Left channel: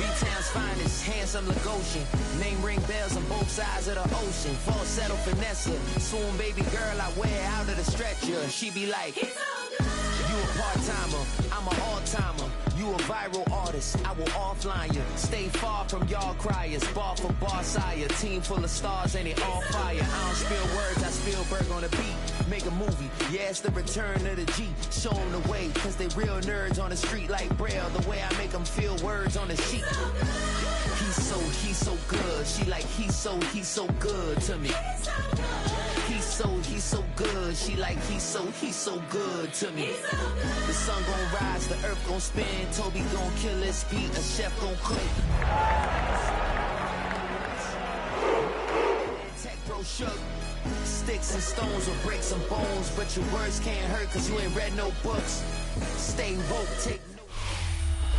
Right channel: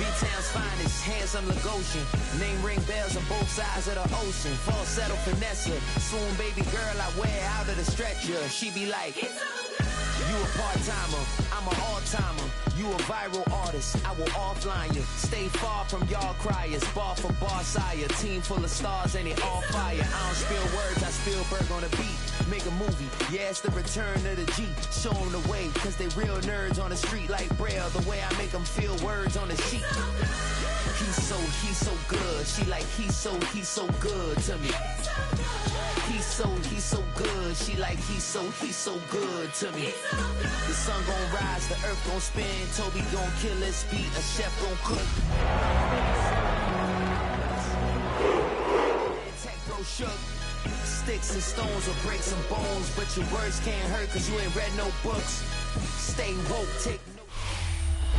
B-Town's finest, handsome Lagosian. Name ring bells on both sides of the ocean. Falsetto finesse, swoon baby girl I wear out of the stretcher. She be like, you a part-timer, I'm an all-timer. You a viral artist, I will offline you. Stay far from y'all criers, bar for bar sire. Team full of stars and it all fire. I don't spill words, I Spielberg on the beat. Make a movie, yeah, it's the return of the G. Show them the way, cause they real nerds on the street like Braille. The way I make them feel words on the sheet. He's so good. She like, he's so good to me. He's so good. She like, he's so good to me. The sun gon' rise, the earth gon' spin. Toby gon' kill this beat, a chef gon' cook. Tech bro shook. Sticks and stones will break some bones, but your words can't hurt cause you ain't read no books. Stay woke, take notes.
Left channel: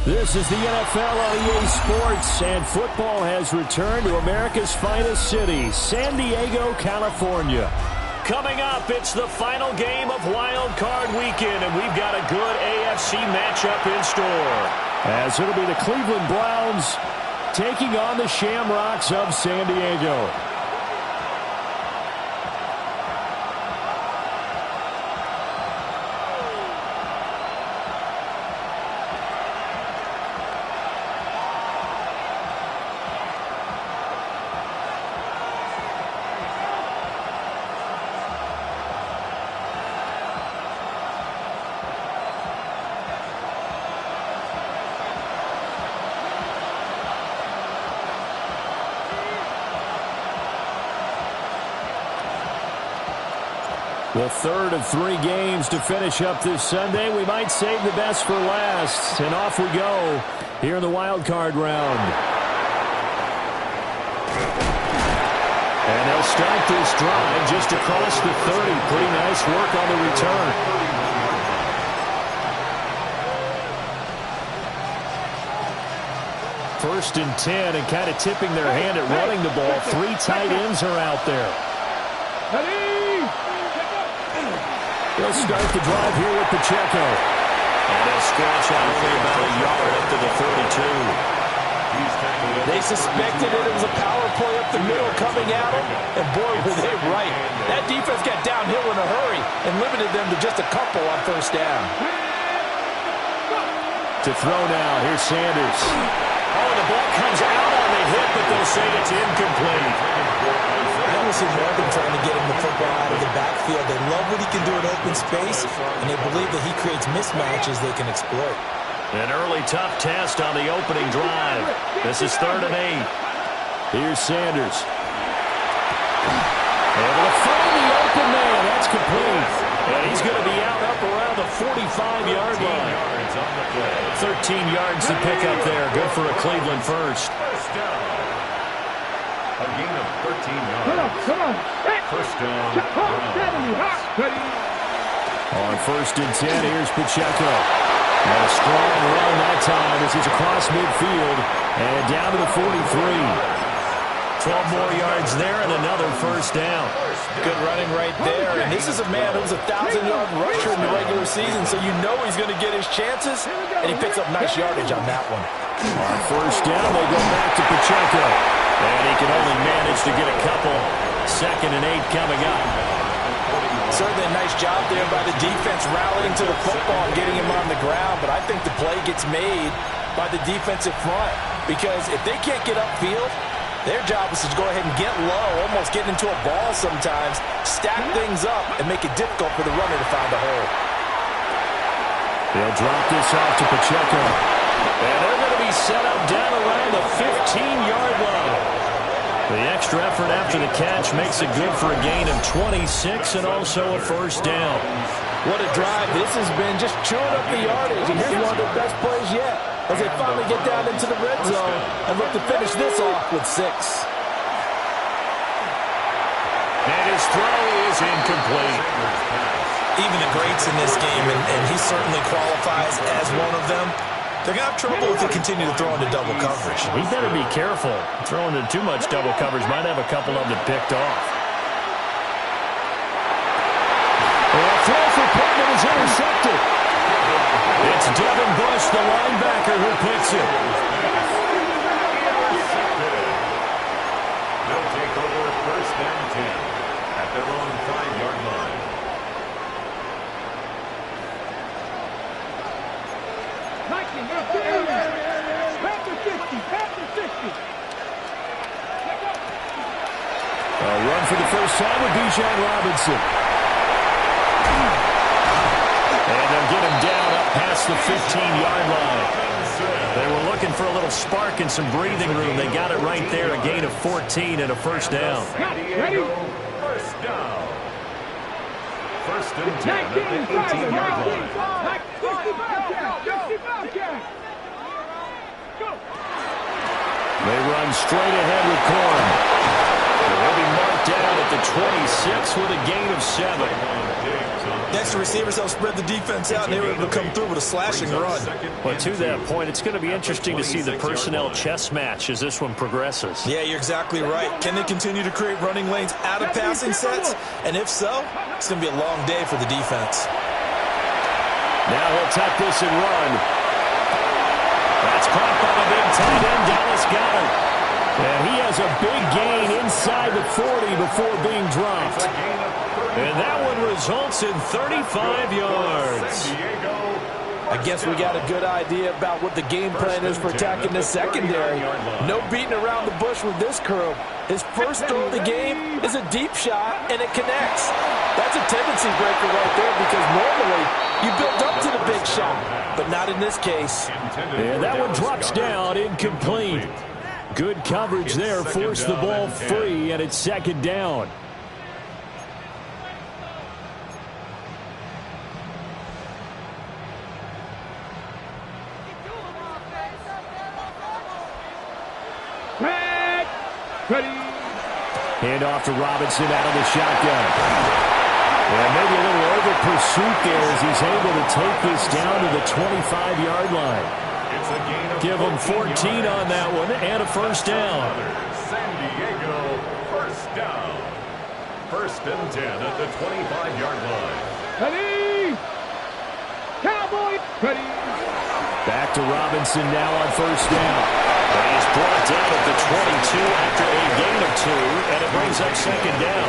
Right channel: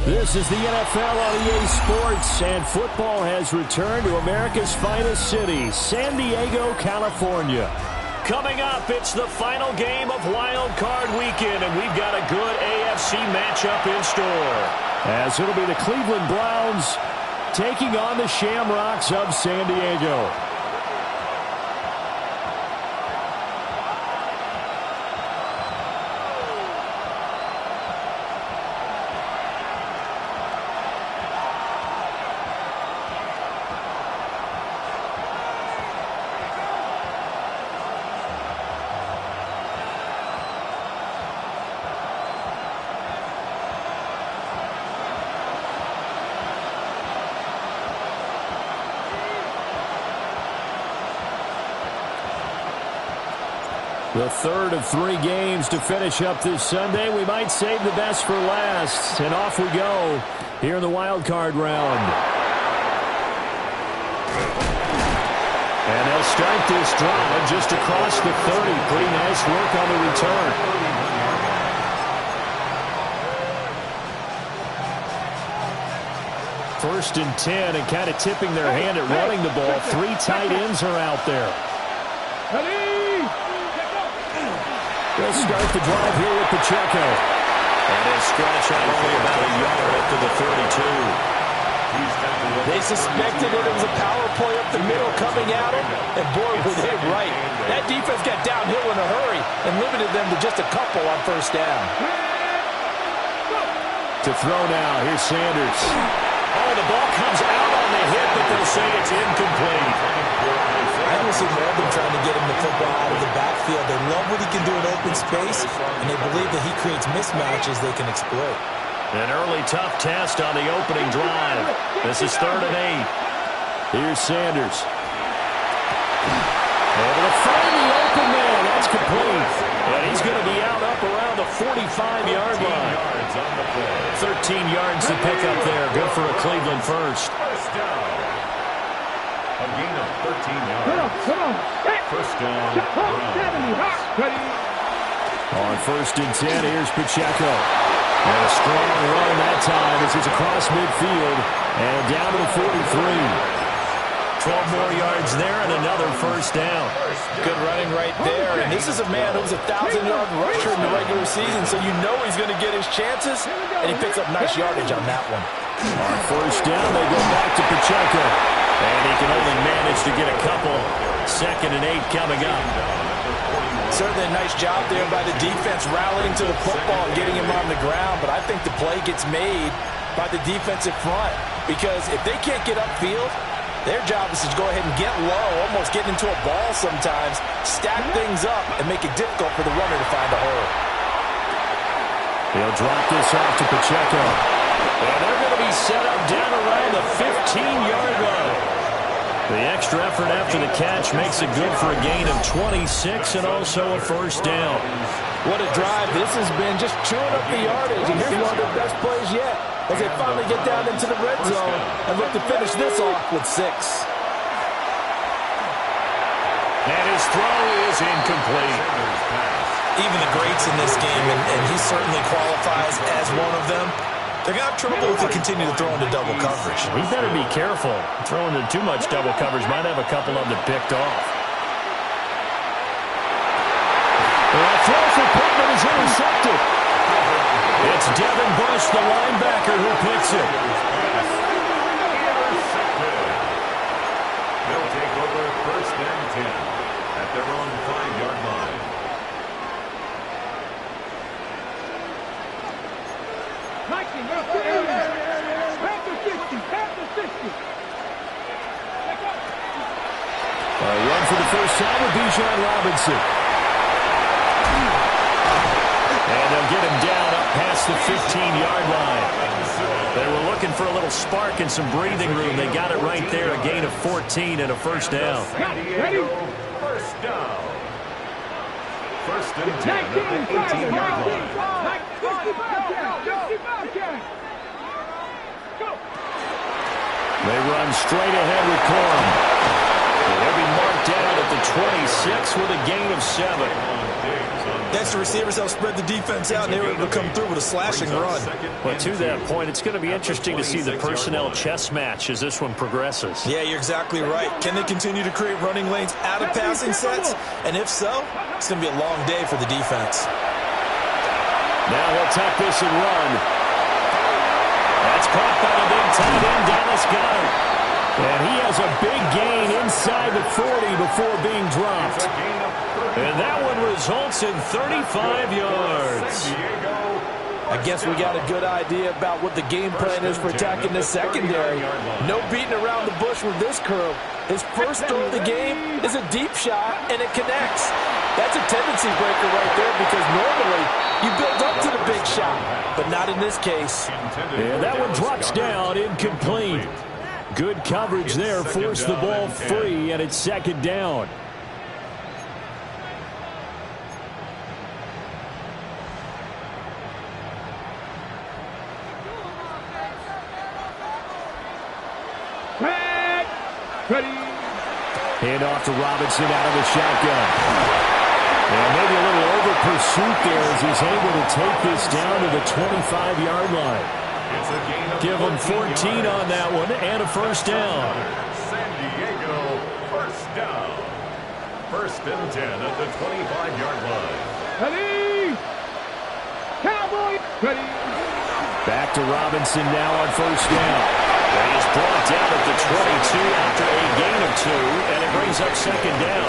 This is the NFL on EA Sports, and football has returned to America's finest city, San Diego, California. Coming up, it's the final game of Wildcard Weekend, and we've got a good AFC matchup in store. As it'll be the Cleveland Browns taking on the Shamrocks of San Diego. The third of 3 games to finish up this Sunday. We might save the best for last. And off we go here in the wild card round. And they'll start this drive just across the 30. Pretty nice work on the return. First and 10, and kind of tipping their hand at running the ball. 3 tight ends are out there. They'll start the drive here with Pacheco. And he'll stretch out only about a yard up to the 32. They suspected it was a power play up the middle coming at them, and boy, were they right. That defense got downhill in a hurry and limited them to just a couple on first down. To throw now, here's Sanders. Oh, the ball comes out on the hit, but they'll say it's incomplete. I want to see more of them trying to get him the football out of the backfield. They love what he can do in open space, and they believe that he creates mismatches they can exploit. An early tough test on the opening drive. This is 3rd and 8. Here's Sanders. Able to find the open man. That's complete. And he's going to be out up around the 45-yard line. 13 yards to pick up there. Good for a Cleveland first. First down. A gain of 13 yards. First down. On 1st and 10, here's Pacheco. And a strong run that time as he's across midfield and down to the 43. 12 more yards there and another first down. Good running right there. And this is a man who was a 1,000-yard rusher in the regular season, so you know he's going to get his chances, and he picks up nice yardage on that one. On first down, they go back to Pacheco. And he can only manage to get a couple. 2nd and 8 coming up. Certainly a nice job there by the defense rallying to the football and getting him on the ground, but I think the play gets made by the defensive front, because if they can't get upfield, their job is to go ahead and get low, almost get into a ball sometimes, stack things up, and make it difficult for the runner to find a hole. They'll drop this off to Pacheco. And they're going to be set up down around the 15-yard line. The extra effort after the catch makes it good for a gain of 26 and also a first down. What a drive this has been, just chewing up the yardage. And here's one of the best plays yet, as they finally get down into the red zone and look to finish this off with 6. And his throw is incomplete. Even the greats in this game, and he certainly qualifies as one of them, they're going to have trouble if they continue to throw into double coverage. He better be careful. Throwing into too much double coverage might have a couple of them picked off. And a throw for Pittman is intercepted. It's Devin Bush, the linebacker, who picks it. first and 10 at their own 5-yard line. A run for the first time with Bijan Robinson. And they'll get him down up past the 15-yard line. They were looking for a little spark and some breathing room. They got it right there, a gain of 14 and a first down. San Diego first down. First and 10 at the 18-yard line. They run straight ahead with Corum. They'll be marked down at the 26 with a gain of 7. Next, the receivers help spread the defense out, and they were able to come through with a slashing run. Well, to that point, it's going to be interesting to see the personnel chess match as this one progresses. Yeah, you're exactly right. Can they continue to create running lanes out of passing sets? And if so, it's going to be a long day for the defense. Now he'll tuck this and run. That's caught by the big tight end, Dallas Goedert. And he has a big gain inside the 40 before being dropped. And that one results in 35 yards. I guess we got a good idea about what the game plan is for attacking the secondary. No beating around the bush with this crew. His first throw of the game is a deep shot, and it connects. That's a tendency breaker right there because normally you build up to the big shot, but not in this case. And that one drops down, incomplete. Good coverage there, forced the ball free, and it's second down. Hand off to Robinson out of the shotgun. And maybe a little over pursuit there as he's able to take this down to the 25-yard line. Give him 14 on that one and a first down. San Diego first down. First and 10 at the 25-yard line. Ready? Cowboy! Ready? Back to Robinson now on first down. And he's brought down at the 22 after a gain of 2, and it brings up second down.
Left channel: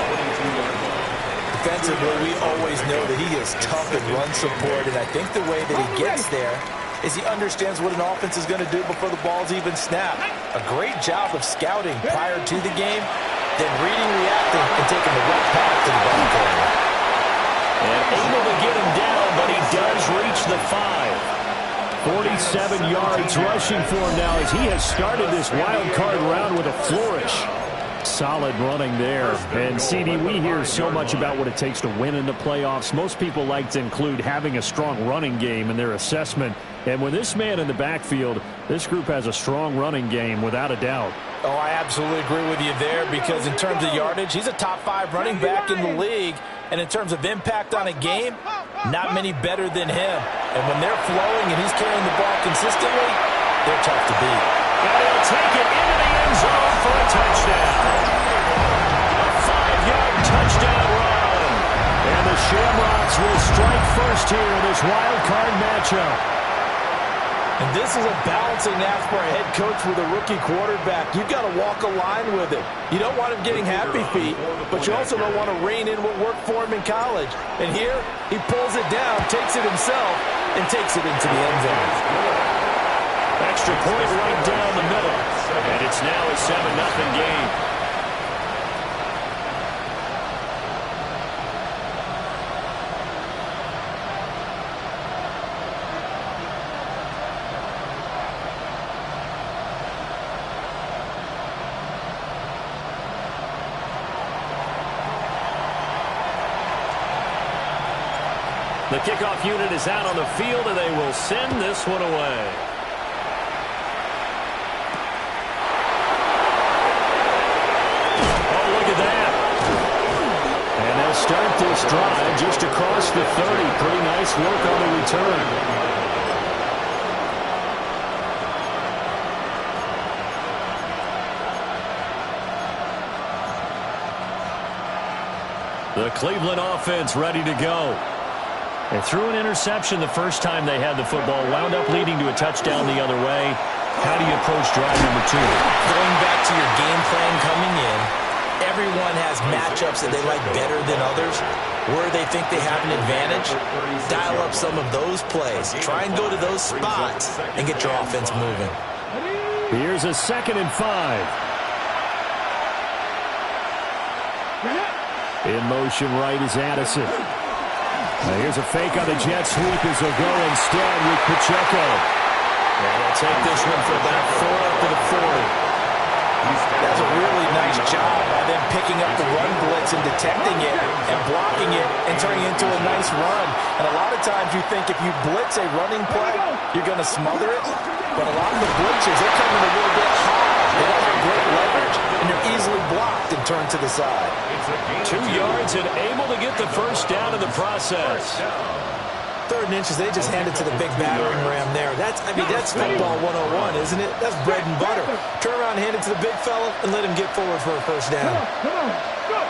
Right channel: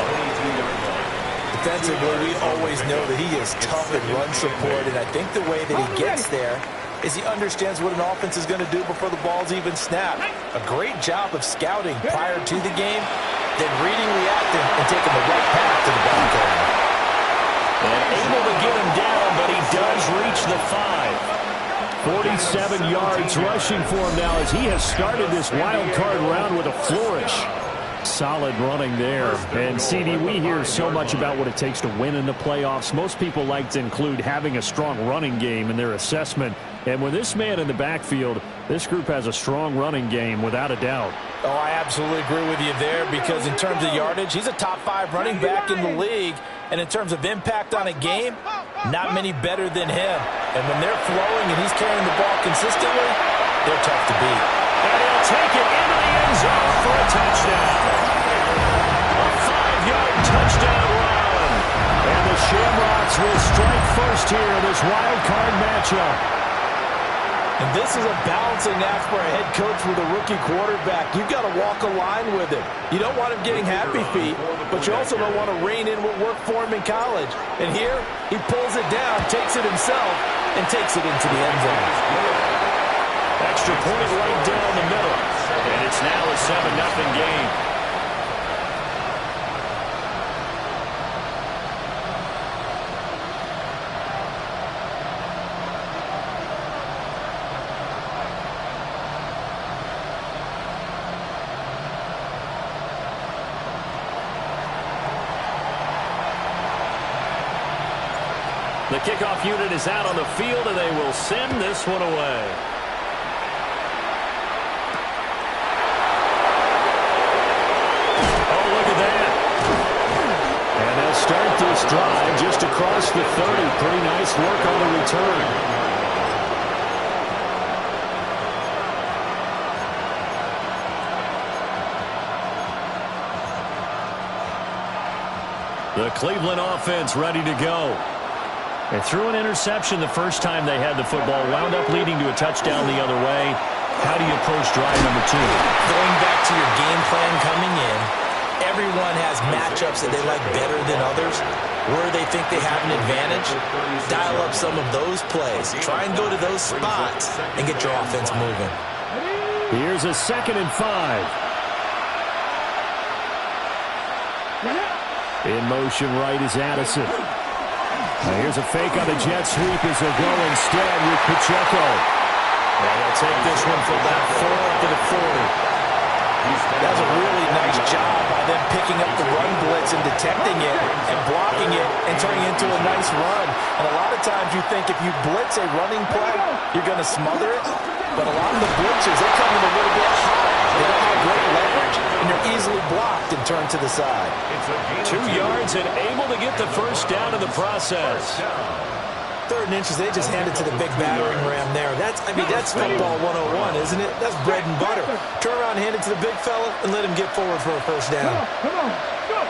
Defensively, we always know that he is tough in run support, and I think the way that he gets there is he understands what an offense is going to do before the ball's even snapped. A great job of scouting prior to the game, then reading, reacting, and taking the right path to the ball carrier. And able to get him down, but he does reach the 5. 47 yards rushing for him now as he has started this wild card round with a flourish. Solid running there. And, CD, we hear so much about what it takes to win in the playoffs. Most people like to include having a strong running game in their assessment. And with this man in the backfield, this group has a strong running game without a doubt. Oh, I absolutely agree with you there because in terms of yardage, he's a top 5 running back in the league. And in terms of impact on a game, not many better than him. And when they're flowing and he's carrying the ball consistently, they're tough to beat. And he'll take it into the end zone for a touchdown. A 5-yard touchdown run. And the Shamrocks will strike first here in this wild card matchup. And this is a balancing act for a head coach with a rookie quarterback. You've got to walk a line with him. You don't want him getting happy feet, but you also don't want to rein in what worked for him in college. And here, he pulls it down, takes it himself, and takes it into the end zone. Extra point right down the middle. And it's now a 7-0 game. The kickoff unit is out on the field, and they will send this one away. Oh, look at that. And they'll start this drive just across the 30. Pretty nice work on the return. The Cleveland offense ready to go. They threw an interception the first time they had the football, wound up leading to a touchdown the other way. How do you approach drive number 2? Going back to your game plan coming in everyone has matchups that they like better than others, where they think they have an advantage. Dial up some of those plays. Try and go to those spots and get your offense moving. Here's a 2nd and 5. In motion right is Addison. Now here's a fake on the jet sweep as he'll go instead with Pacheco. And they'll take this one for about 4 up to the 40. That's a really nice job by them picking up the run blitz and detecting it and blocking it and turning it into a nice run. And a lot of times you think if you blitz a running play, you're going to smother it. But a lot of the blitzers, they come in a little bit high. They don't have great leverage, and they're easily blocked and turned to the side. 2 yards and able to get the first down in the process. 3rd and inches, they just handed to the big battering ram there. That's football 101, isn't it? That's bread and butter. Turn around, hand it to the big fella, and let him get forward for a first down. Come on, go.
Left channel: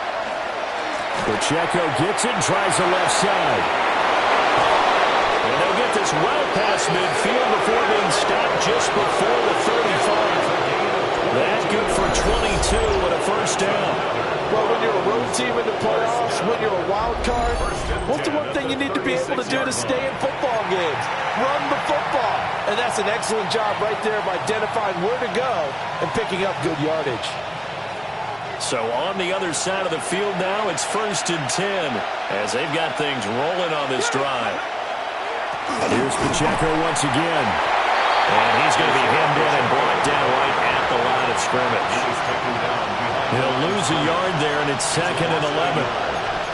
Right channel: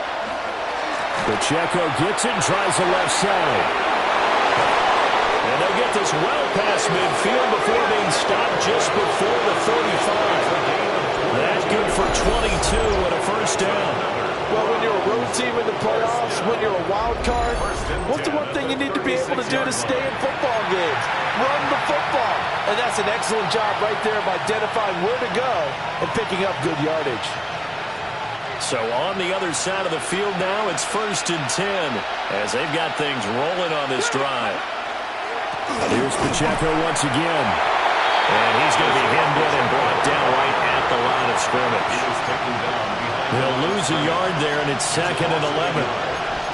Pacheco gets it and tries the left side. And they'll get this well past midfield before being stopped just before the 35. That's good for 22 and a first down. Well, when you're a road team in the playoffs, when you're a wild card, what's the one thing you need to be able to do to stay in football games? Run the football. And that's an excellent job right there of identifying where to go and picking up good yardage. So on the other side of the field now, it's 1st and 10 as they've got things rolling on this drive. Here's Pacheco once again. And he's going to be hemmed in and brought down right at the line of scrimmage. He'll lose a yard there, and it's 2nd and 11.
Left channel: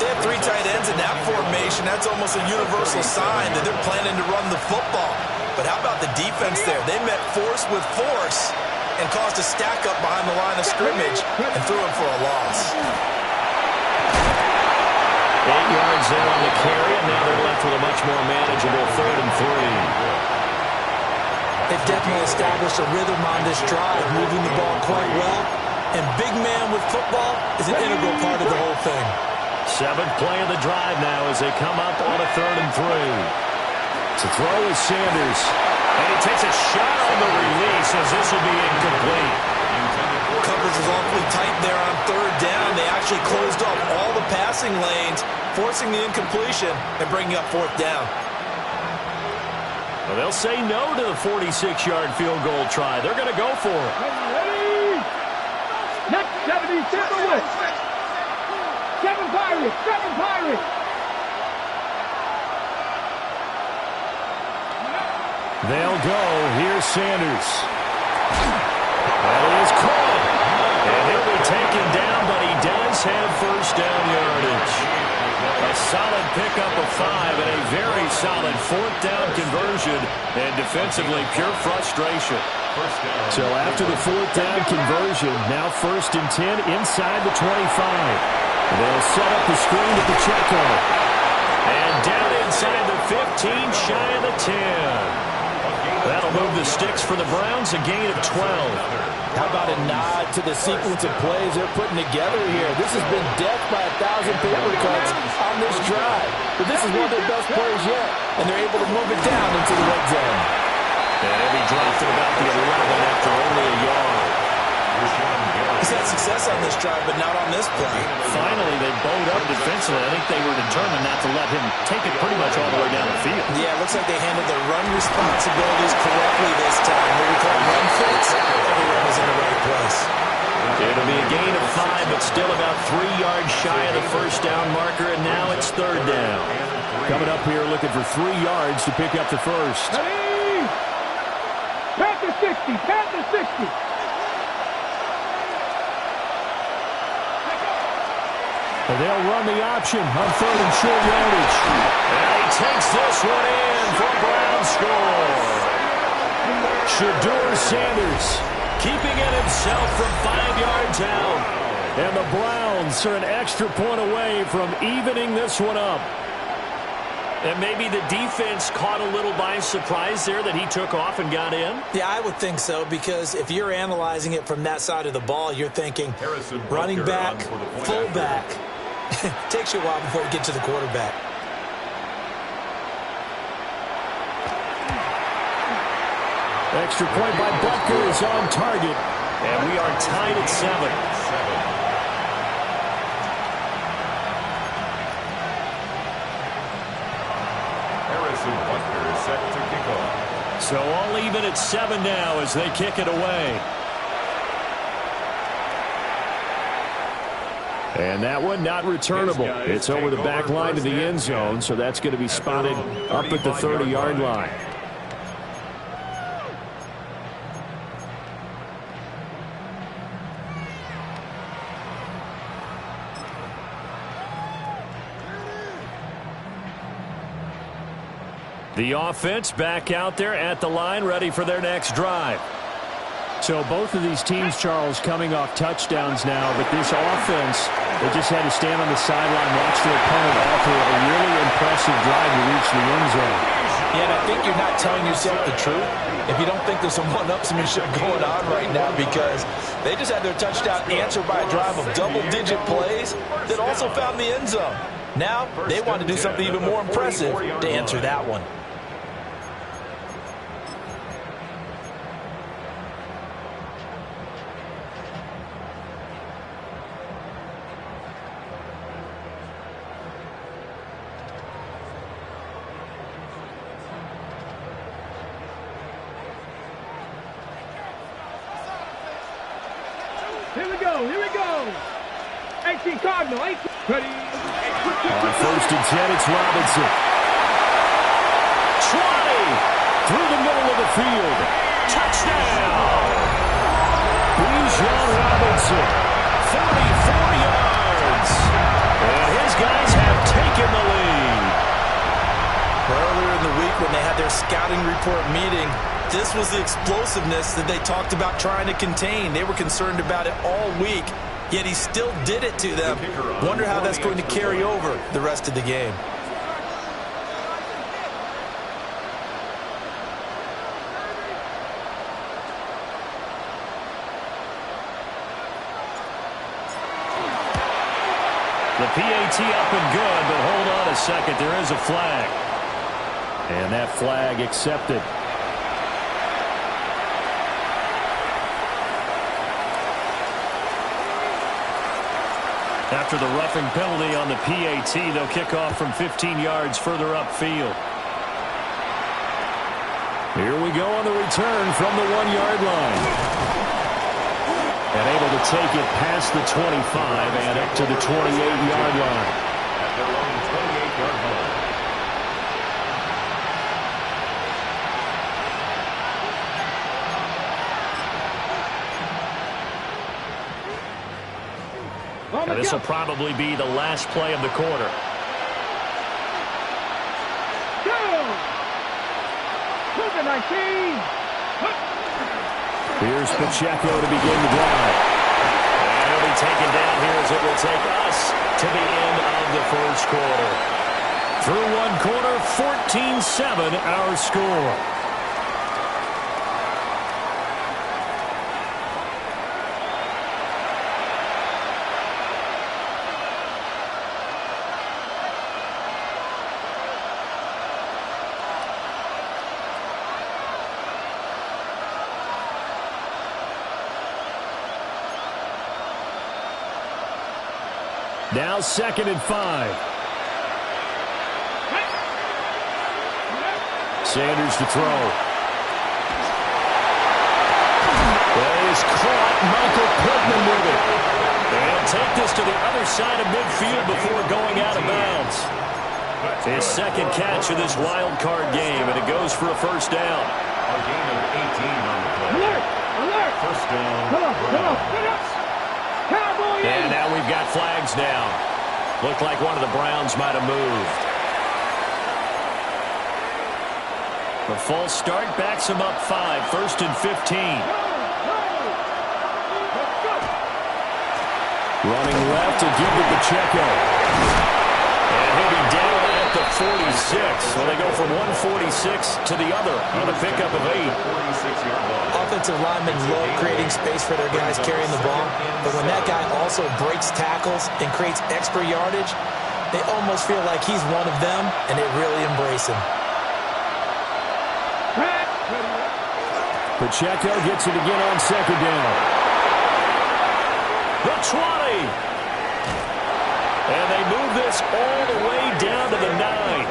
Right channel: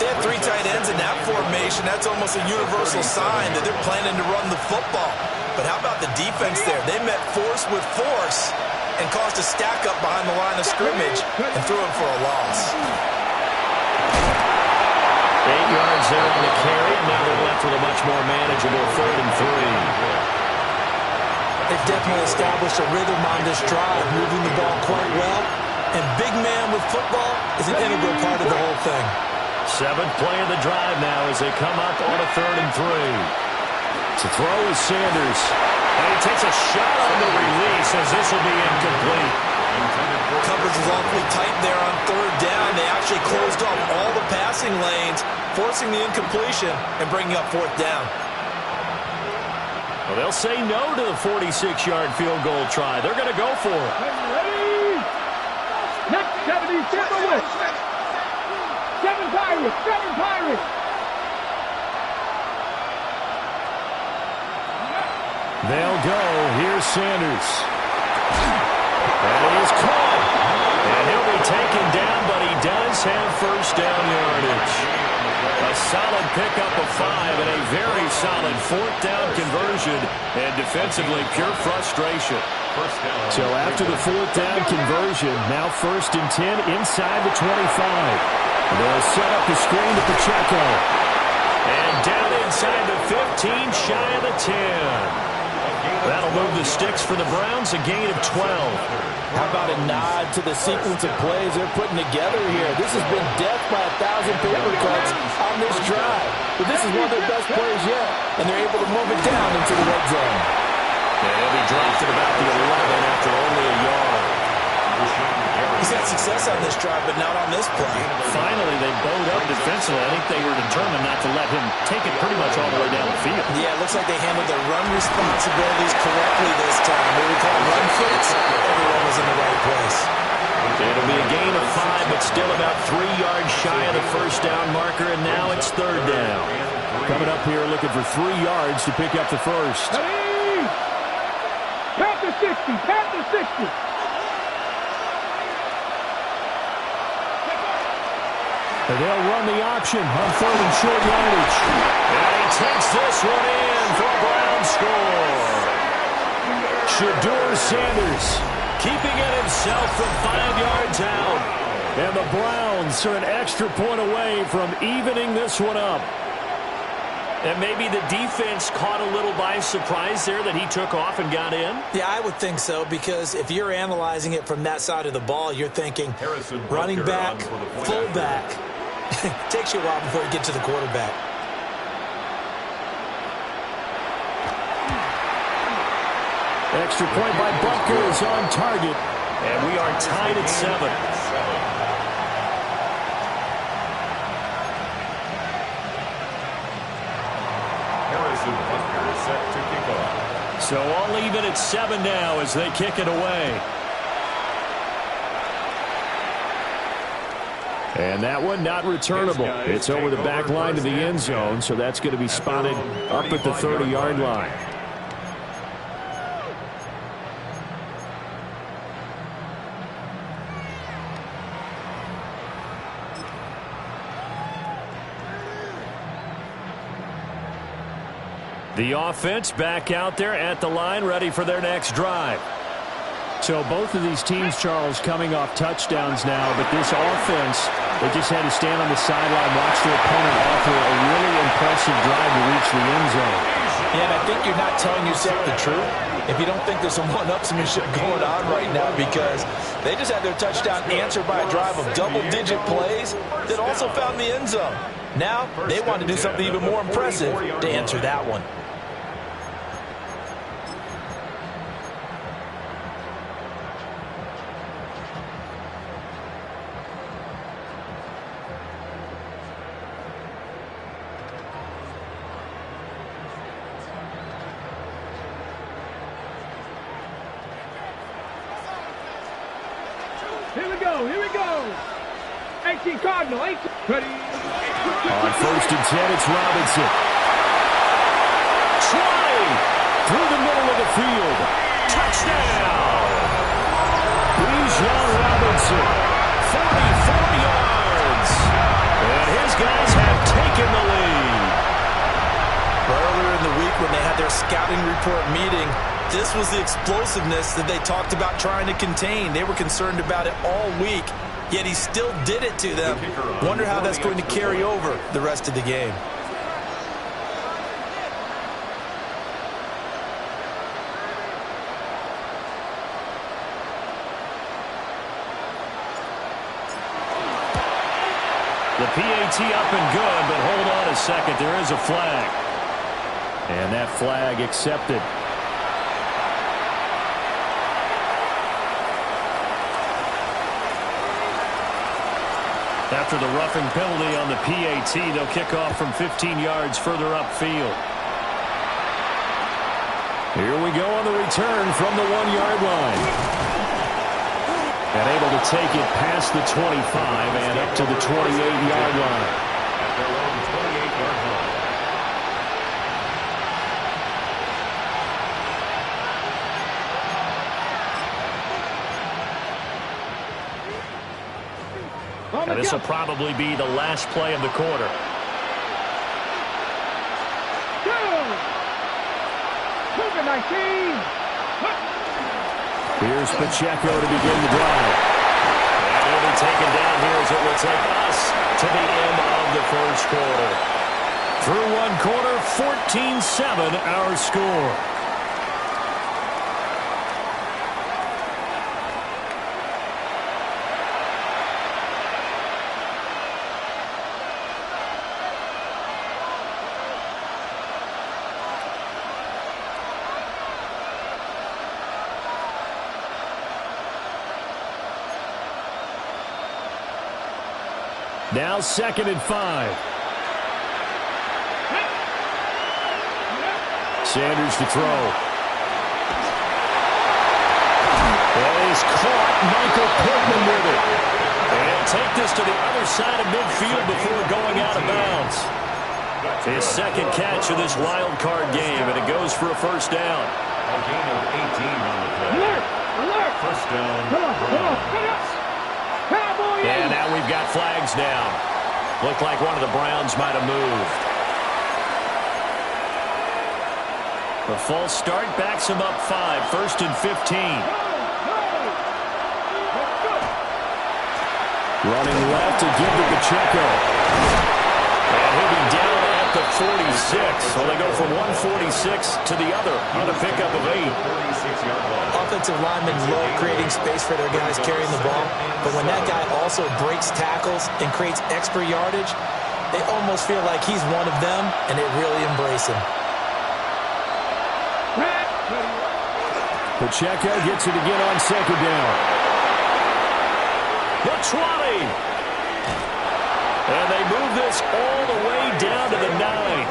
They have 3 tight ends in that formation. That's almost a universal sign that they're planning to run the football. But how about the defense there? They met force with force and caused a stack up behind the line of scrimmage and threw him for a loss. 8 yards there on the carry, and now they're left with a much more manageable 3rd and 3. They've definitely established a rhythm on this drive, moving the ball quite well. And big man with football is an integral part of the whole thing. 7th play of the drive now as they come up on a 3rd and 3. To throw is Sanders. And he takes a shot on the release as this will be incomplete. Coverage was awfully tight there on 3rd down. They actually closed off all the passing lanes, forcing the incompletion and bringing up 4th down. Well, they'll say no to the 46-yard field goal try. They're going to go for it. Ready? Next 70, Tampa West. 7 Pirates, 7 Pirates. They'll go. Here's Sanders. That is caught. And he'll be taken down, but he does have first down yardage. A solid pickup of 5 and a very solid 4th down conversion. And defensively, pure frustration. So after the 4th down conversion, now 1st and 10 inside the 25. They'll set up the screen to Pacheco. And down inside the 15, shy of the 10. That'll move the sticks for the Browns, a gain of 12. How about a nod to the sequence of plays they're putting together here? This has been death by 1,000 paper cuts on this drive. But this is one of their best plays yet, and they're able to move it down into the red zone. And he'll be dropped at about the 11 after only a yard. He's had success on this drive, but not on this play. Finally, they bowed up defensively. I think they were determined not to let him take it pretty much all the way down the field. Yeah, it looks like they handled their run responsibilities correctly this time. What we call run fits, everyone was in the right place. It'll be a gain of 5, but still about 3 yards shy of the first down marker, and now it's 3rd down. Coming up here looking for 3 yards to pick up the first. Ready? Panther 60, Panther 60. They'll run the option on 3rd and short yardage. And he takes this one in for a Brown score. Shedeur Sanders keeping it himself from 5 yards out. And the Browns are an extra point away from evening this one up. And maybe the defense caught a little by surprise there that he took off and got in? Yeah, I would think so, because if you're analyzing it from that side of the ball, you're thinking running back, fullback. Takes you a while before you get to the quarterback. Extra point by Butker is on target. And we are tied at 7. Joseph Butker set to kick off. So all even at 7 now as they kick it away. And that one not returnable. It's over the back line to the end zone, so that's going to be spotted up at the 30-yard line. The offense back out there at the line, ready for their next drive. So both of these teams, Charles, coming off touchdowns now, but this offense, they just had to stand on the sideline, watch their opponent offer a really impressive drive to reach the end zone. Yeah, and I think you're not telling yourself the truth if you don't think there's some one-upsmanship going on right now, because they just had their touchdown answered by a drive of double-digit plays that also found the end zone. Now they want to do something even more impressive to answer that one. Here we go. 18 Cardinal, 18. Ready. On 1st and 10, it's Robinson. 20 through the middle of the field. Touchdown. Bijan Robinson, 44 yards. And his guys have taken the lead. Earlier in the week when they had their scouting report meeting, this was the explosiveness that they talked about trying to contain. They were concerned about it all week, yet he still did it to them. Wonder how that's going to carry over the rest of the game. The PAT up and good, but hold on a second. There is a flag. And that flag accepted. After the roughing penalty on the PAT, they'll kick off from 15 yards further upfield. Here we go on the return from the 1-yard line. And able to take it past the 25 and up to the 28-yard line. At their own 28-yard line. Now this will probably be the last play of the quarter. Here's Pacheco to begin the drive. And he'll be taken down here as it will take us to the end of the first quarter. Through one quarter, 14-7 our score. Now 2nd and 5. Sanders to throw. Is caught. Michael Pittman with it. And take this to the other side of midfield before going out of bounds. His second catch of this wild card game, and it goes for a first down. A gain of 18 on the play. Alert! Alert! First down. Come on. Cowboy! And now we've got flags down. Looked like one of the Browns might have moved. The false start backs him up 5. 1st and 15. Running left to give to Pacheco. And he'll be down at the 46. So they go from 146 to the other on a pickup of 8. Offensive linemen love creating space for their guys carrying the ball, but when that guy also breaks tackles and creates extra yardage, they almost feel like he's one of them, and they really embrace him. Pacheco gets it again on 2nd down. The 20. And they move this all the way down to the 9.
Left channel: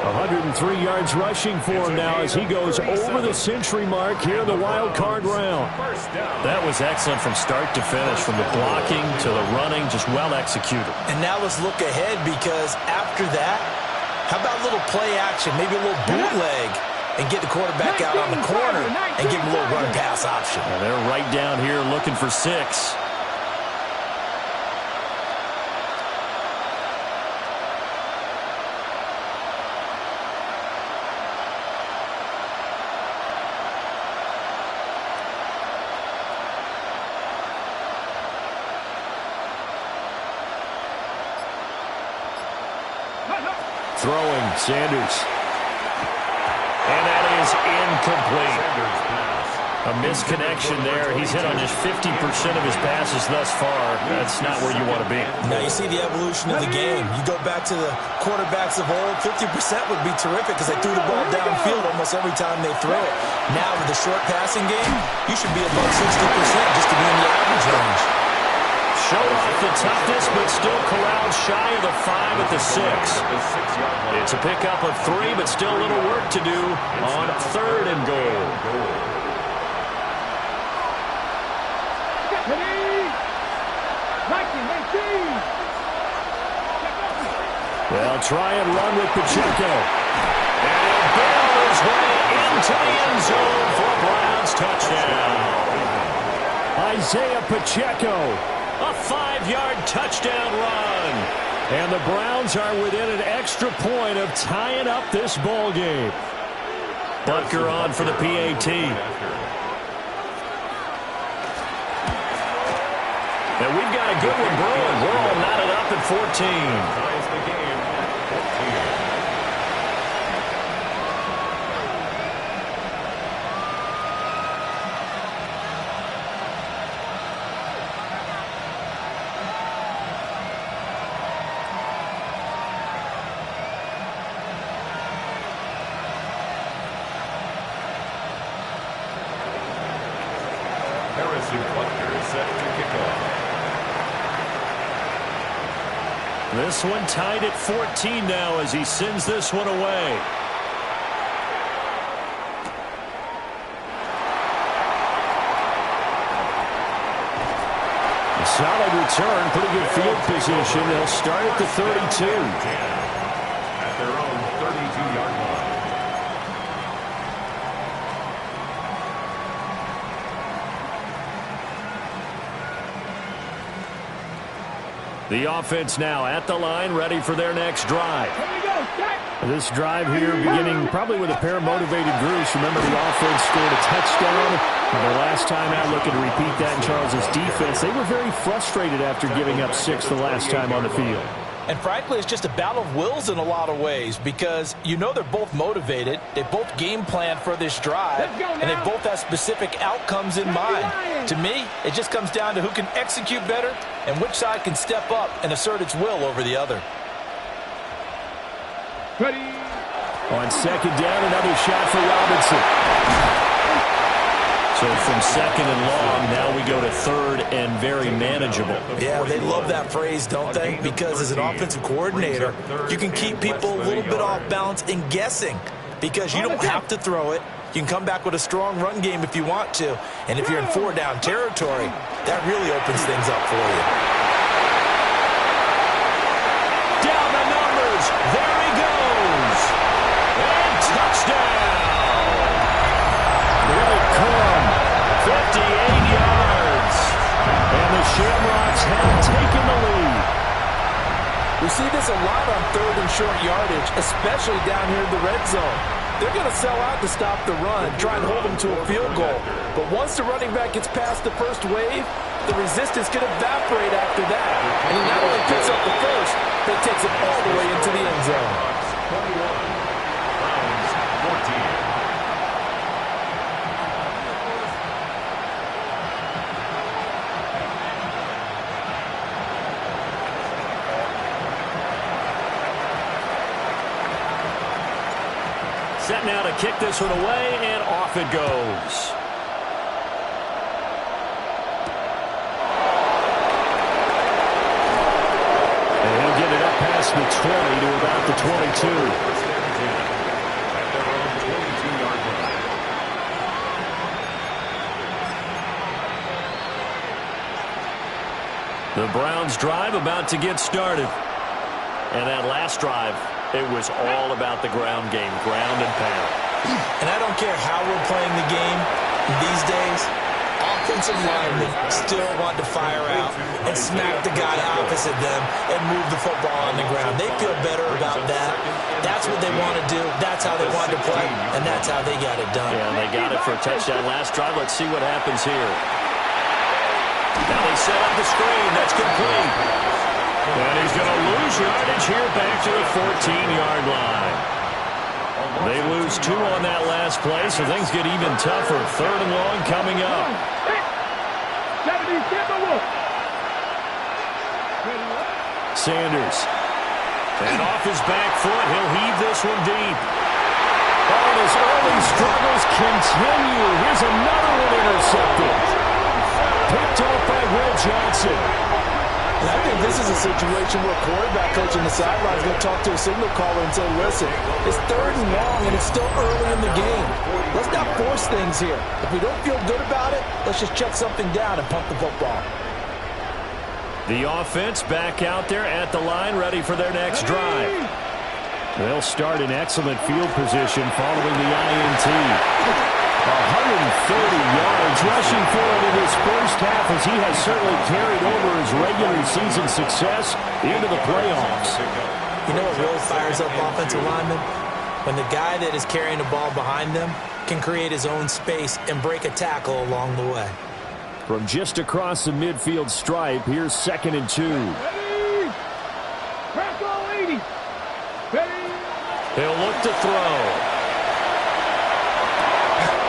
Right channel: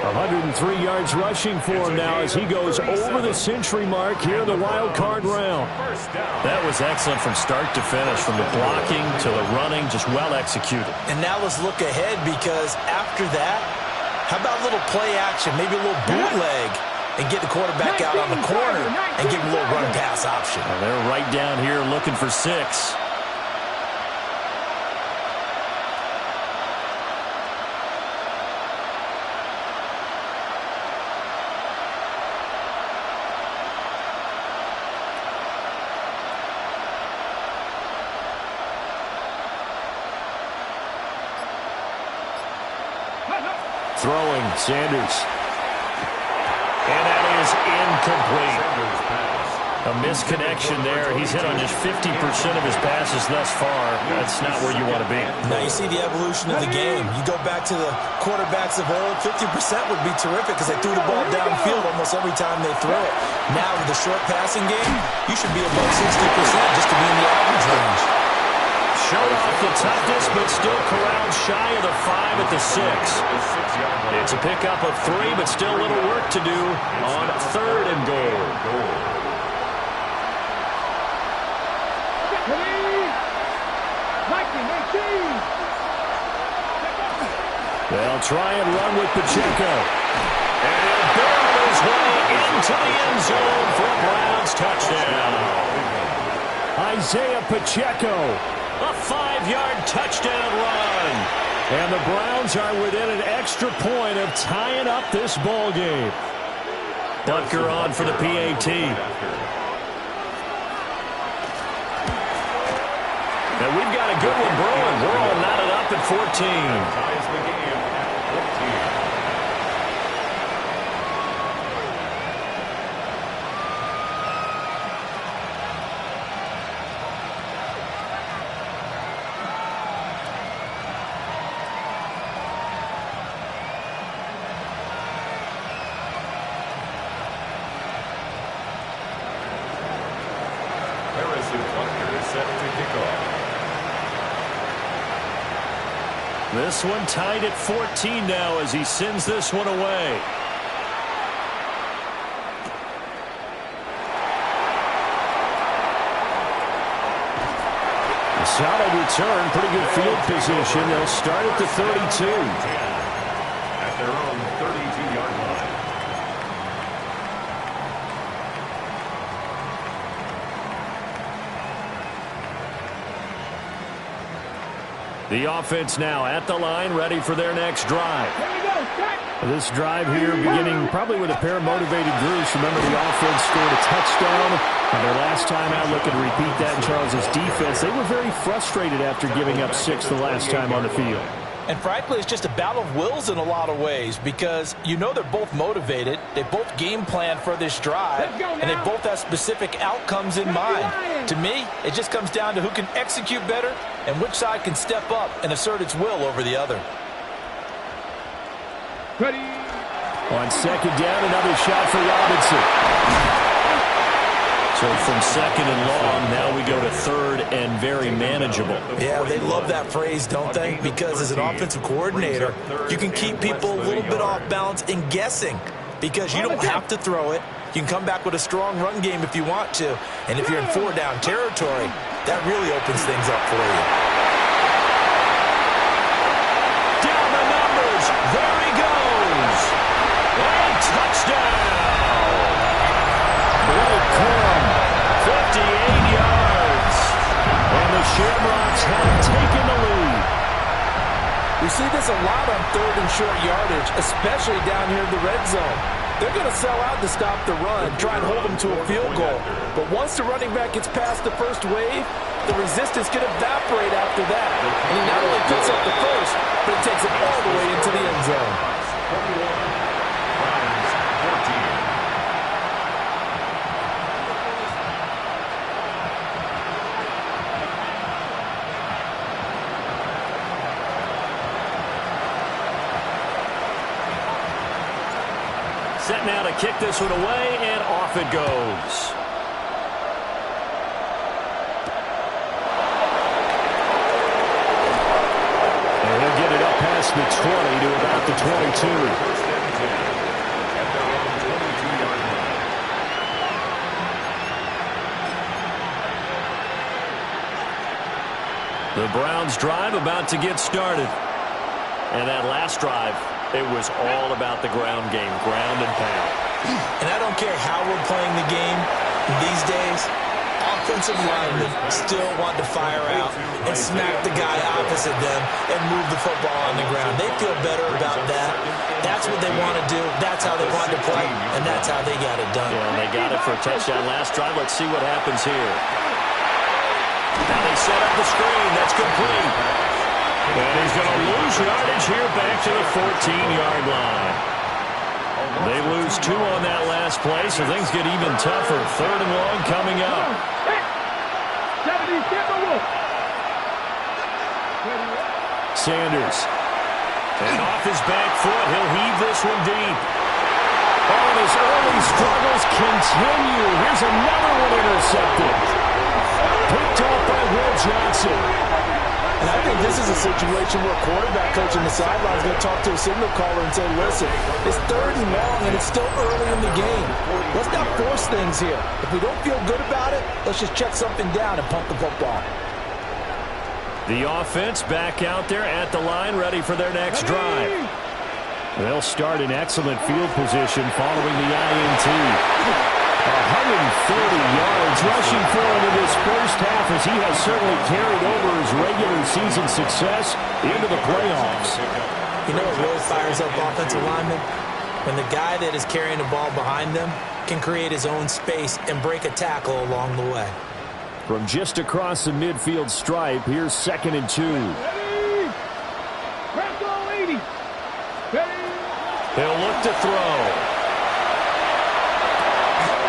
103 yards rushing for him now as he goes over the century mark here in the wild card round. That was excellent from start to finish, from the blocking to the running, just well executed. And now let's look ahead, because after that, how about a little play action, maybe a little bootleg, and get the quarterback out on the corner and give him a little run-pass option. And they're right down here looking for 6. Throwing, Sanders. And that is incomplete. A misconnection there. He's hit on just 50% of his passes thus far. That's not where you want to be. Now you see the evolution of the game. You go back to the quarterbacks of old, 50% would be terrific because they threw the ball downfield almost every time they threw it. Now with the short passing game, you should be above 60% just to be in the average range. Showed off the toughness, but still corralled shy of the 5 at the 6. It's a pickup of 3, but still a little work to do on 3rd and goal. They'll try and run with Pacheco. And he'll barrel his way into the end zone for a Browns touchdown. Isaiah Pacheco. A 5-yard touchdown run. And the Browns are within an extra point of tying up this ball game. Butker on for the PAT. And we've got a good one brewing. We're all knotted up at 14. Ties the game at 14. Butker is set to kick off. This one tied at 14 now as he sends this one away. A solid return, pretty good field position. They'll start at the 32. At their own 32-yard line. The offense now at the line, ready for their next drive. This drive here beginning probably with a pair of motivated groups. Remember, the offense scored a touchdown. Their last time out, looking to repeat that in Charles's defense. They were very frustrated after giving up 6 the last time on the field. And frankly, it's just a battle of wills in a lot of ways, because you know they're both motivated. They both game plan for this drive, and they both have specific outcomes in mind. To me, it just comes down to who can execute better and which side can step up and assert its will over the other. Ready. On second down, another shot for Robinson. So from second and long, now we go to third and very manageable. Yeah, they love that phrase, don't they? Because as an offensive coordinator, you can keep people a little bit off balance and guessing, because you don't have to throw it. You can come back with a strong run game if you want to. And if you're in 4-down territory, that really opens things up for you. Down the numbers. There he goes. And touchdown. Blake Corum, 58 yards. And the Shamrocks have taken the lead. We see this a lot on 3rd and short yardage, especially down here in the red zone. They're going to sell out to stop the run, try and hold them to a field goal. But once the running back gets past the first wave, the resistance can evaporate after that. And he not only picks up the first, but takes it all the way into the end zone. 21, Browns 14. Set now to kick this one away, and off it goes. And he'll past the 20 to about the 22. First and 10 at their own 22-yard line. The Browns drive about to get started. And that last drive, it was all about the ground game, ground and pound. And I don't care how we're playing the game these days, offensive linemen still want to fire out and smack the guy opposite them and move the football on the ground. They feel better about that. That's what they want to do. That's how they want to play, and that's how they got it done. Yeah, and they got it for a touchdown last drive. Let's see what happens here. Now they set up the screen. That's complete. And he's going to lose yardage here back to the 14-yard line. They lose 2 on that last play, so things get even tougher. 3rd and long coming up. Sanders. And off his back foot, he'll heave this one deep. Oh, and his early struggles continue. Here's another one intercepted. Picked off by Will Johnson. And I think this is a situation where quarterback coach on the sideline is going to talk to a signal caller and say, listen, it's 3rd and long and it's still early in the game. Let's not force things here. If we don't feel good about it, let's just check something down and punt the football. The offense back out there at the line, ready for their next drive. They'll start in excellent field position following the INT. 130 yards rushing for him in this first half, as he has certainly carried over his regular season success into the playoffs. You know what really fires up offensive linemen? When the guy that is carrying the ball behind them can create his own space and break a tackle along the way. From just across the midfield stripe, here's 2nd and 2. He'll look to throw.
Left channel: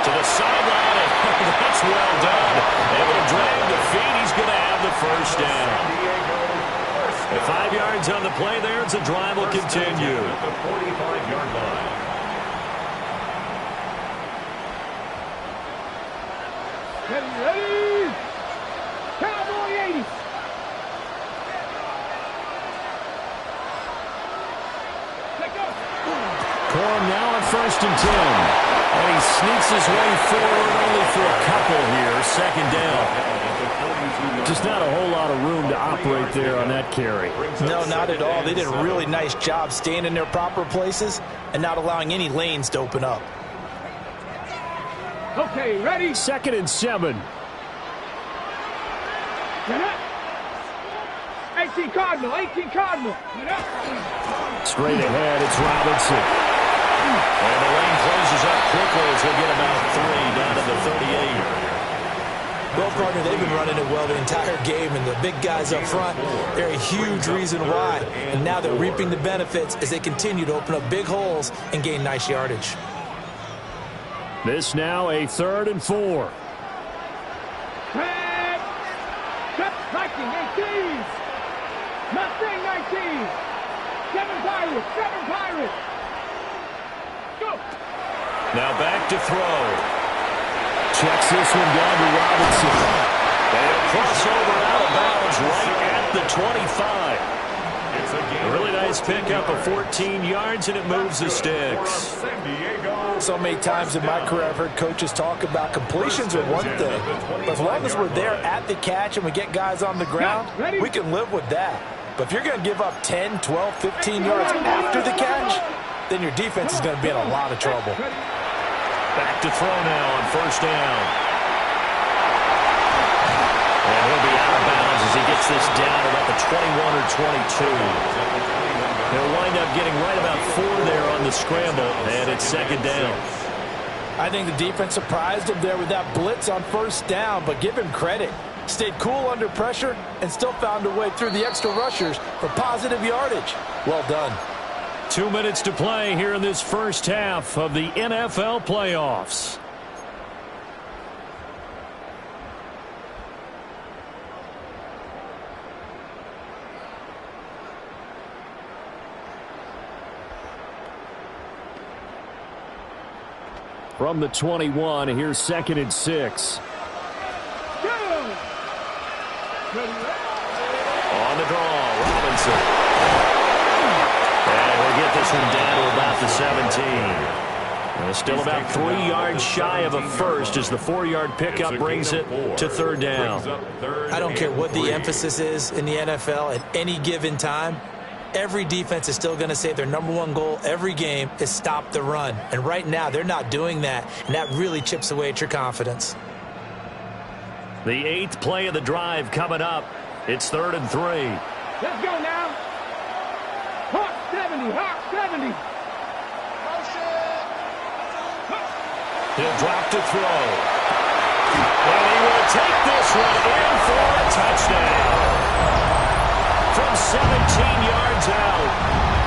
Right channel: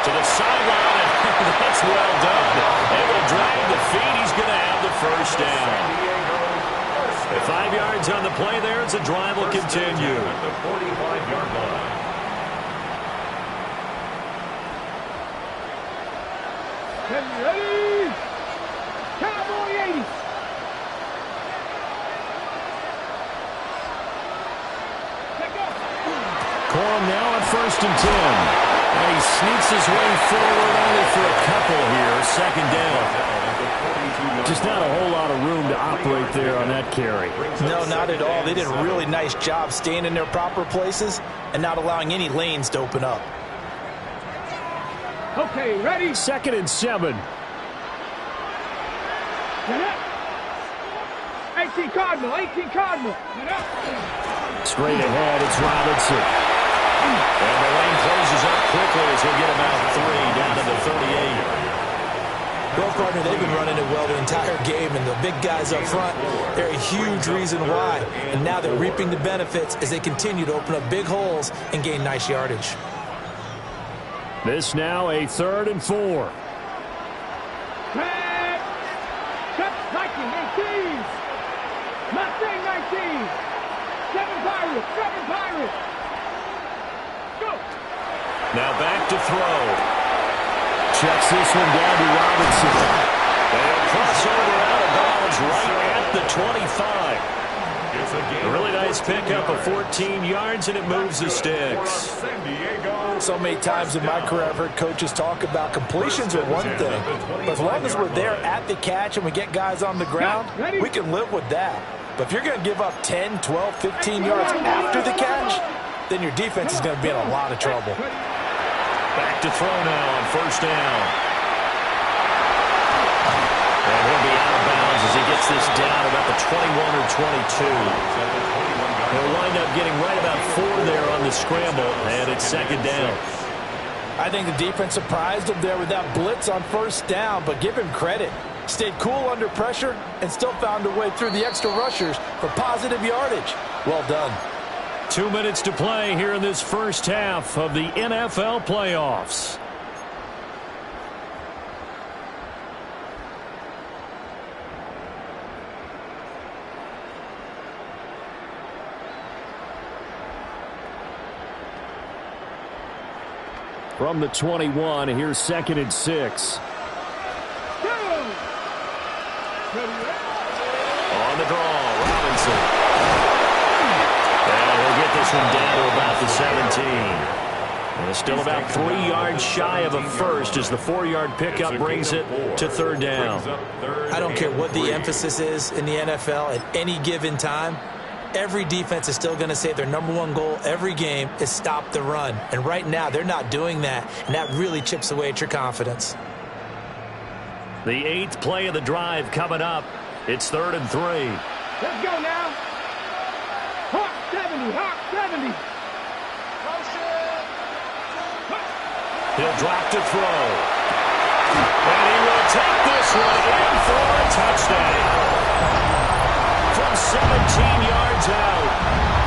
To the sideline, and that's well done. Able to drag the feet. He's going to have the first down. 5 yards on the play there. It's a drive will continue. At the 45-yard line. Ready? Cowboy 80. Corum now on 1st and 10. And he sneaks his way forward only for a couple here. 2nd down. Just not a whole lot of room to operate there on that carry. No, not at all. They did a really nice job staying in their proper places and not allowing any lanes to open up. Okay, ready? 2nd and 7. 18 Cardinal, 18 Cardinal. Straight ahead, it's Robinson. And the lane closes up quickly as he'll get about 3 down to the 38. Well, partner, they've been running it well the entire game, and the big guys up front, they're a huge reason why. And now they're reaping the benefits as they continue to open up big holes and gain nice yardage. This now a 3rd and 4. Viking 18. Mustang 19. 7 Pirates. 7 Pirates. Go. Now back to throw. Checks this one down to Robinson. And he'll cross over out of bounds right at the 25. It's a really nice pickup of 14 yards, and it moves the sticks. So many times in my career I've heard coaches talk about completions are one thing, but as long as we're there at the catch and we get guys on the ground, we can live with that. But if you're going to give up 10, 12, 15 yards after the catch, then your defense is going to be in a lot of trouble. Back to throw now on 1st down. And he'll be out of bounds as he gets this down about the 21 or 22. He'll wind up getting right about 4 there on the scramble, and it's 2nd down. I think the defense surprised him there with that blitz on 1st down, but give him credit. Stayed cool under pressure and still found a way through the extra rushers for positive yardage. Well done. 2 minutes to play here in this first half of the NFL playoffs. From the 21, here's 2nd and 6. On the draw, Robinson. And he'll get this one down to about the 17. And it's still about 3 yards shy of a first as the 4-yard pickup brings it to third down. I don't care what the emphasis is in the NFL at any given time. Every defense is still going to say their number one goal every game is stop the run. And right now, they're not doing that, and that really chips away at your confidence. The 8th play of the drive coming up. It's 3rd and 3. Let's go now. Hawk 70, Hawk 70. He'll drop to throw. And he will take this one in for a touchdown. From 17 yards out.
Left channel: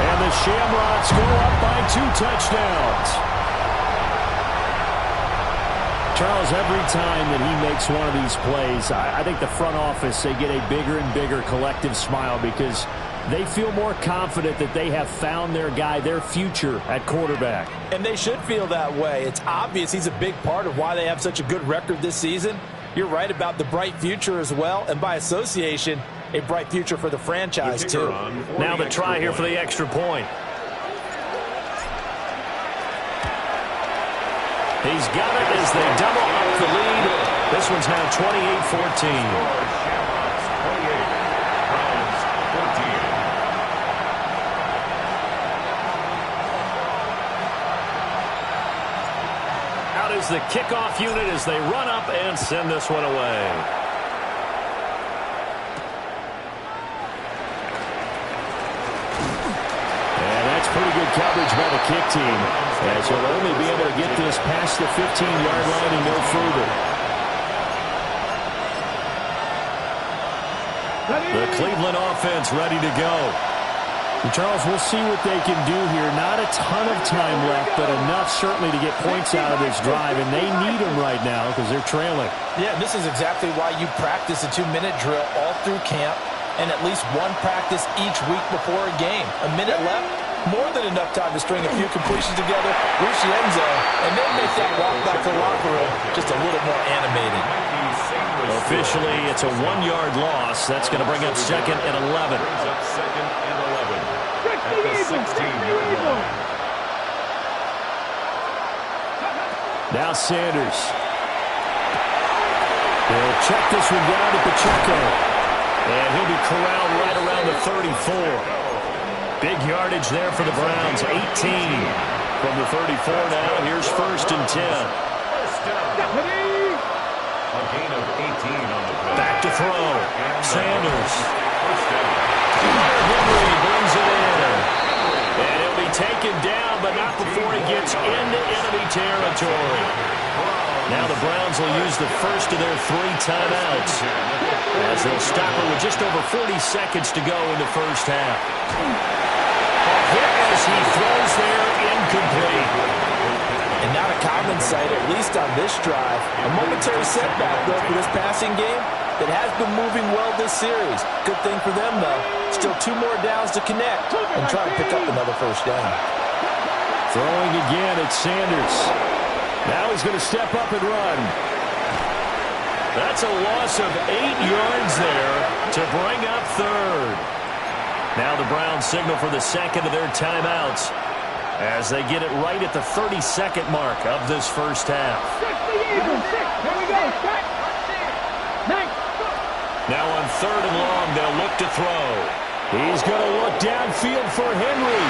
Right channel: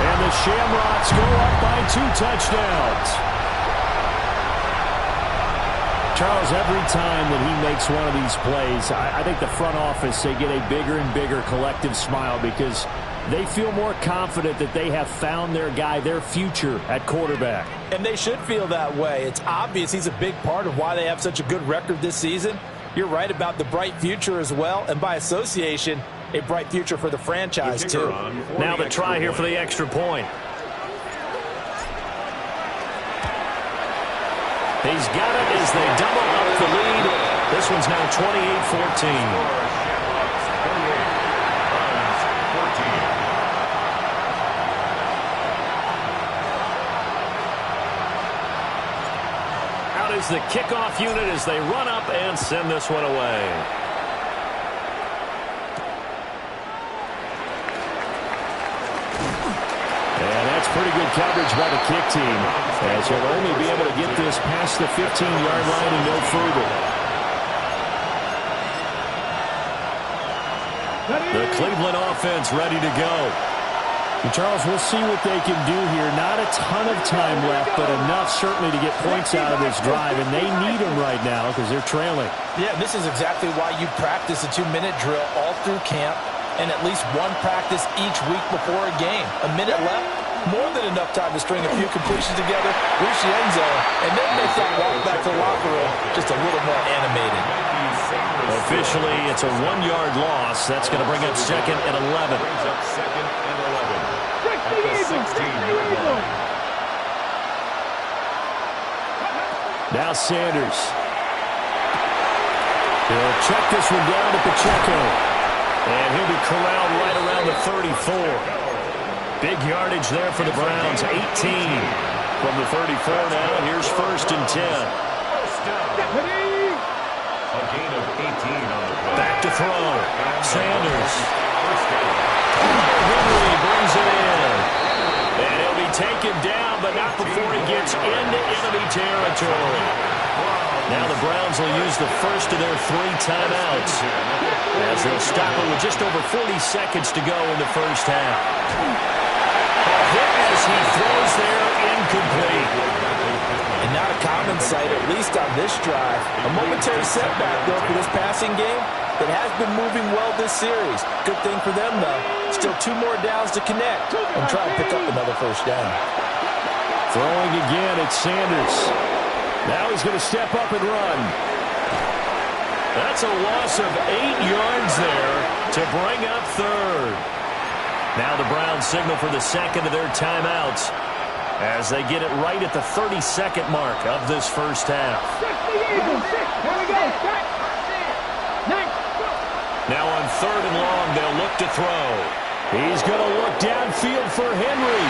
And the Shamrocks go up by 2 touchdowns. Charles, every time that he makes one of these plays, I think the front office, they get a bigger and bigger collective smile because they feel more confident that they have found their guy, their future at quarterback. And they should feel that way. It's obvious he's a big part of why they have such a good record this season. You're right about the bright future as well, and by association, a bright future for the franchise too. Now the try here for the extra point. He's got it as they double up the lead. This one's now 28-14. Shamrocks 28, Browns 14. Out is the kickoff unit as they run up and send this one away. And that's pretty good coverage by the kick team, as you'll only be able to get this past the 15-yard line and no further. The Cleveland offense ready to go. And Charles, we'll see what they can do here. Not a ton of time left, but enough certainly to get points out of this drive, and they need them right now because they're trailing. Yeah, this is exactly why you practice a 2-minute drill all through camp and at least one practice each week before a game. A minute left, more than enough time to string a few completions together, reach the end zone, and then make that walk back to the locker room just a little more animated. Officially, it's a 1-yard loss. That's going to bring up 2nd and 11. Brings up 2nd and 11 at the 16-yard line. Now Sanders. He'll check this one down to Pacheco. And he'll be corralled right around the 34. Big yardage there for the Browns. 18 from the 34 now. Here's 1st and 10. First down. A gain of 18 on the play. Back to throw. Sanders. First down. Henry brings it in. And he'll be taken down, but not before he gets into enemy territory. Now the Browns will use the first of their 3 timeouts as they'll stop it with just over 40 seconds to go in the first half. A hit as he throws there, incomplete. And not a common sight, at least on this drive. A momentary setback, though, for this passing game that has been moving well this series. Good thing for them, though. Still 2 more downs to connect and try and pick up another first down. Throwing again, it's Sanders. Now he's going to step up and run. That's a loss of 8 yards there to bring up 3rd. Now the Browns signal for the 2nd of their timeouts as they get it right at the 32nd mark of this first half. Now on 3rd and long, they'll look to throw. He's going to look downfield for Henry.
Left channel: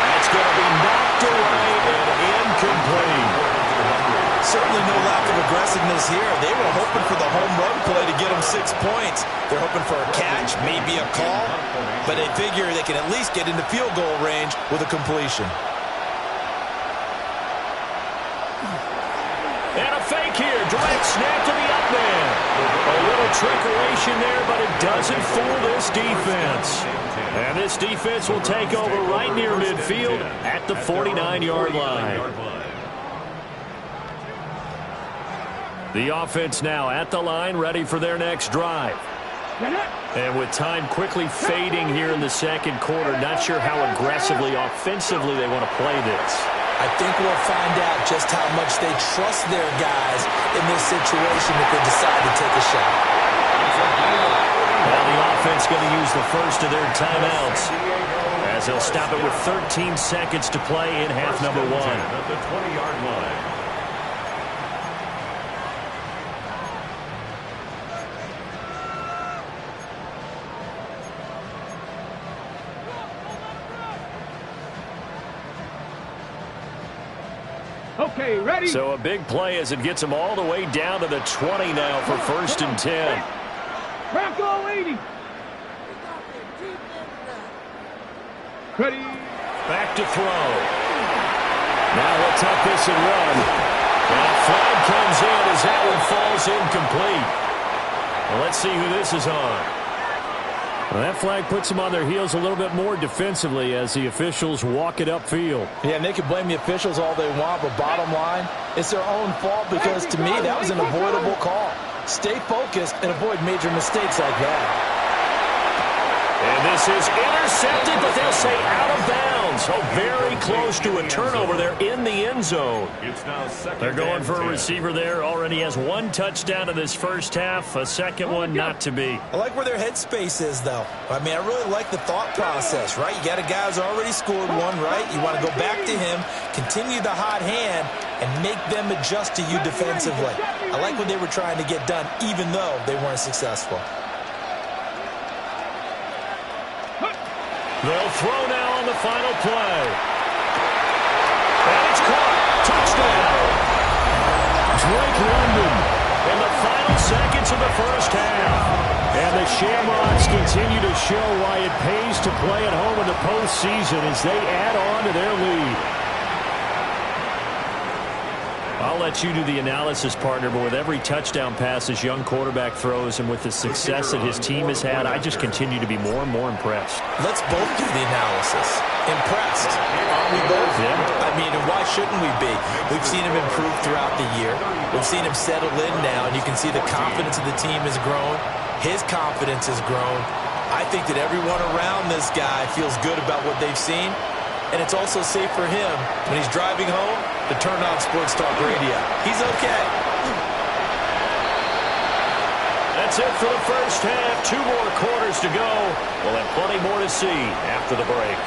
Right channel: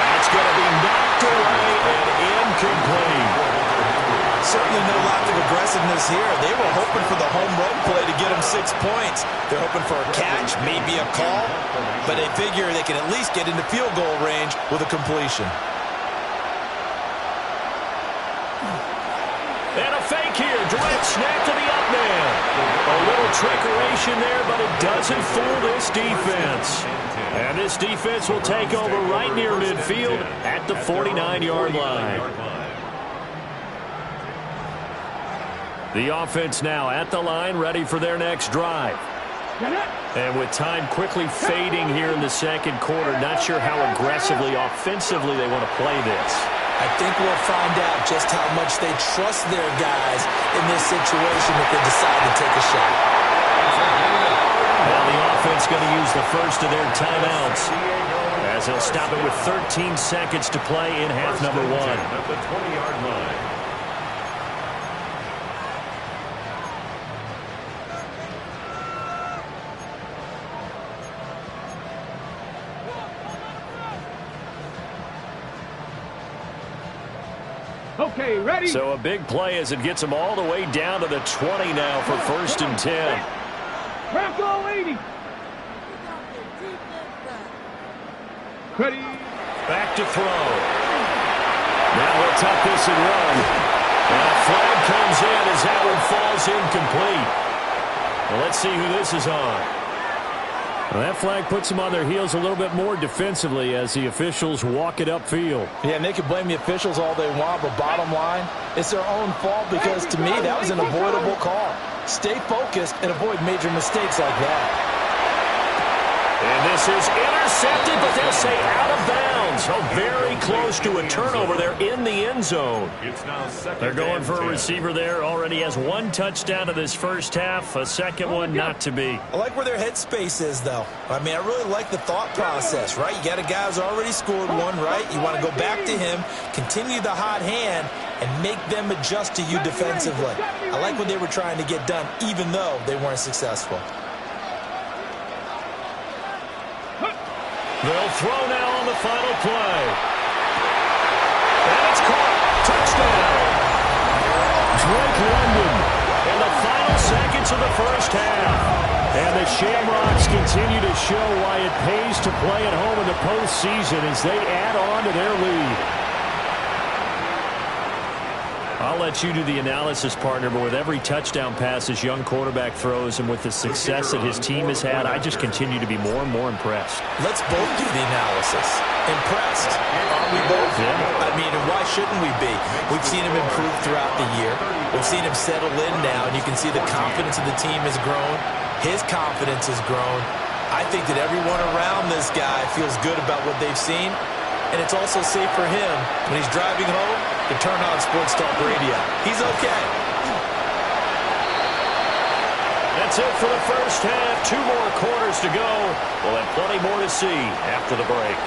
That's going to be knocked away and incomplete. Certainly no lack of aggressiveness here. They were hoping for the home run play to get them 6 points. They're hoping for a catch, maybe a call, but they figure they can at least get into field goal range with a completion. And a fake here. Direct snap to the up man. A little trickeration there, but it doesn't fool this defense. And this defense will take over right near midfield at the 49-yard line. The offense now at the line, ready for their next drive. And with time quickly fading here in the 2nd quarter, not sure how aggressively, offensively they want to play this. I think we'll find out just how much they trust their guys in this situation if they decide to take a shot. Now the offense going to use the first of their timeouts as he'll stop it with 13 seconds to play in half number 1. At the 20-yard line. Okay, ready? So a big play as it gets him all the way down to the 20 now for 1st and 10. Bronco 80. Ready. Back to throw. Now he'll tuck this and run. And a flag comes in as that one falls incomplete. Well, let's see who this is on. Well, that flag puts them on their heels a little bit more defensively as the officials walk it upfield. Yeah, and they can blame the officials all they want, but bottom line, it's their own fault because, to me, that was an avoidable call. Stay focused and avoid major mistakes like that. And this is intercepted, but they'll say out of bounds. Oh, very close to a turnover there in the end zone. It's now second. They're going for a 10. receiver there. Already has 1 touchdown in this first half. A second one not to be. I like where their headspace is, though. I mean, I really like the thought process, right? You got a guy who's already scored one, right? You want to go back to him, continue the hot hand, and make them adjust to you defensively. I like what they were trying to get done, even though they weren't successful. They'll throw now on the final play. And it's caught. Touchdown. Drake London in the final seconds of the first half. And the Shamrocks continue to show why it pays to play at home in the postseason as they add on to their lead. I'll let you do the analysis, partner, but with every touchdown pass this young quarterback throws and with the success that his team has had, I just continue to be more and more impressed. Let's both do the analysis. Impressed, aren't we both? Yeah. I mean, and why shouldn't we be? We've seen him improve throughout the year. We've seen him settle in now, and you can see the confidence of the team has grown. His confidence has grown. I think that everyone around this guy feels good about what they've seen, and it's also safe for him when he's driving home to turn on Sports Talk Radio. He's okay. That's it for the first half. 2 more quarters to go. We'll have plenty more to see after the break.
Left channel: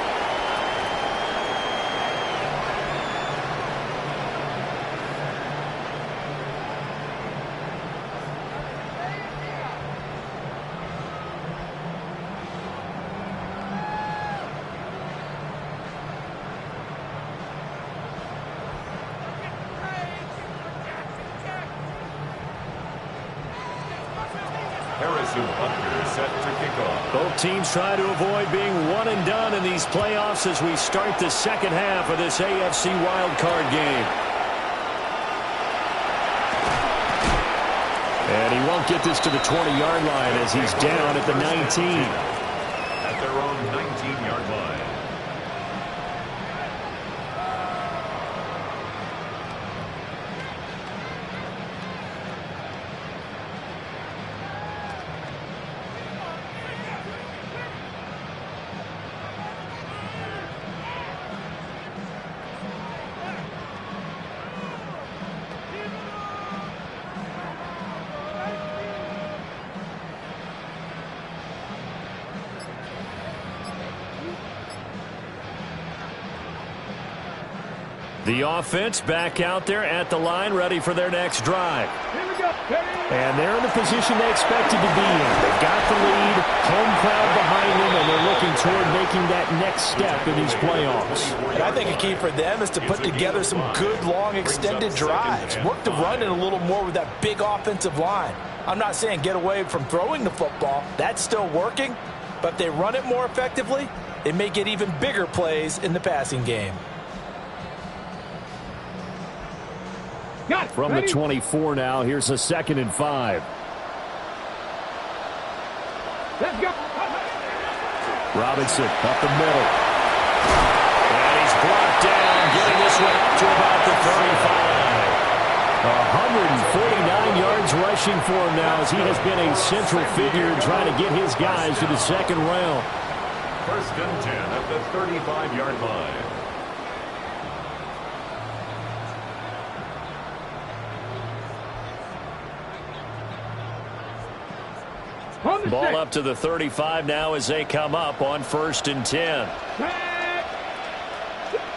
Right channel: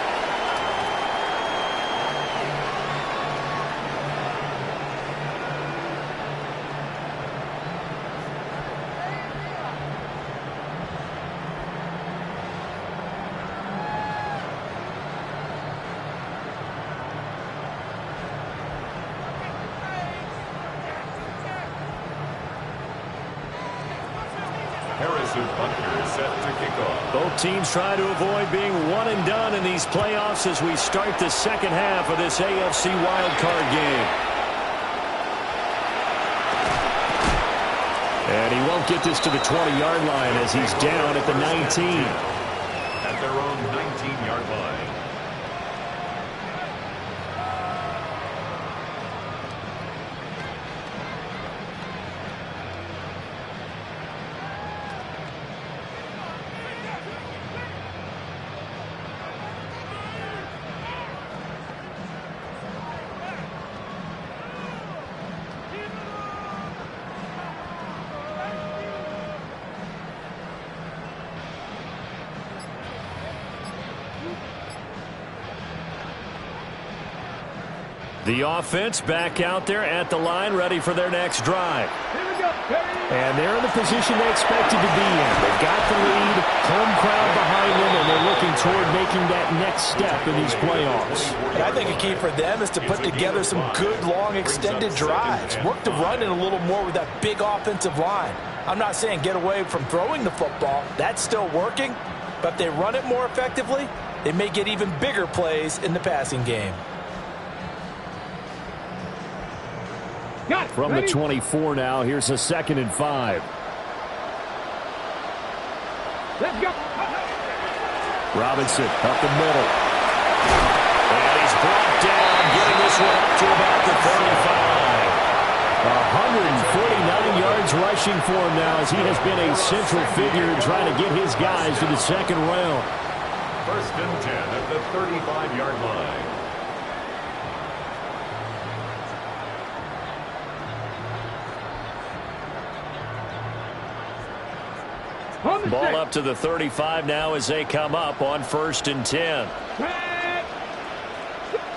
Butker set to kick off. Both teams try to avoid being one and done in these playoffs as we start the second half of this AFC Wildcard game. And he won't get this to the 20-yard line as he's down at the 19. At their own 19-yard line. The offense back out there at the line, ready for their next drive. Here we go. And they're in the position they expected to be in. They've got the lead, home crowd behind them, and they're looking toward making that next step in these playoffs. And I think a key for them is to put together some good, long, extended drives. Work the run in a little more with that big offensive line. I'm not saying get away from throwing the football. That's still working. But if they run it more effectively, they may get even bigger plays in the passing game. From the 24 now, here's a 2nd and 5. Let's go. Robinson up the middle. And he's brought down, getting this one up to about the 35. 149 yards rushing for him now as he has been a central figure in trying to get his guys to the second round. 1st and 10 at the 35-yard line. Ball up to the 35 now as they come up on 1st and 10.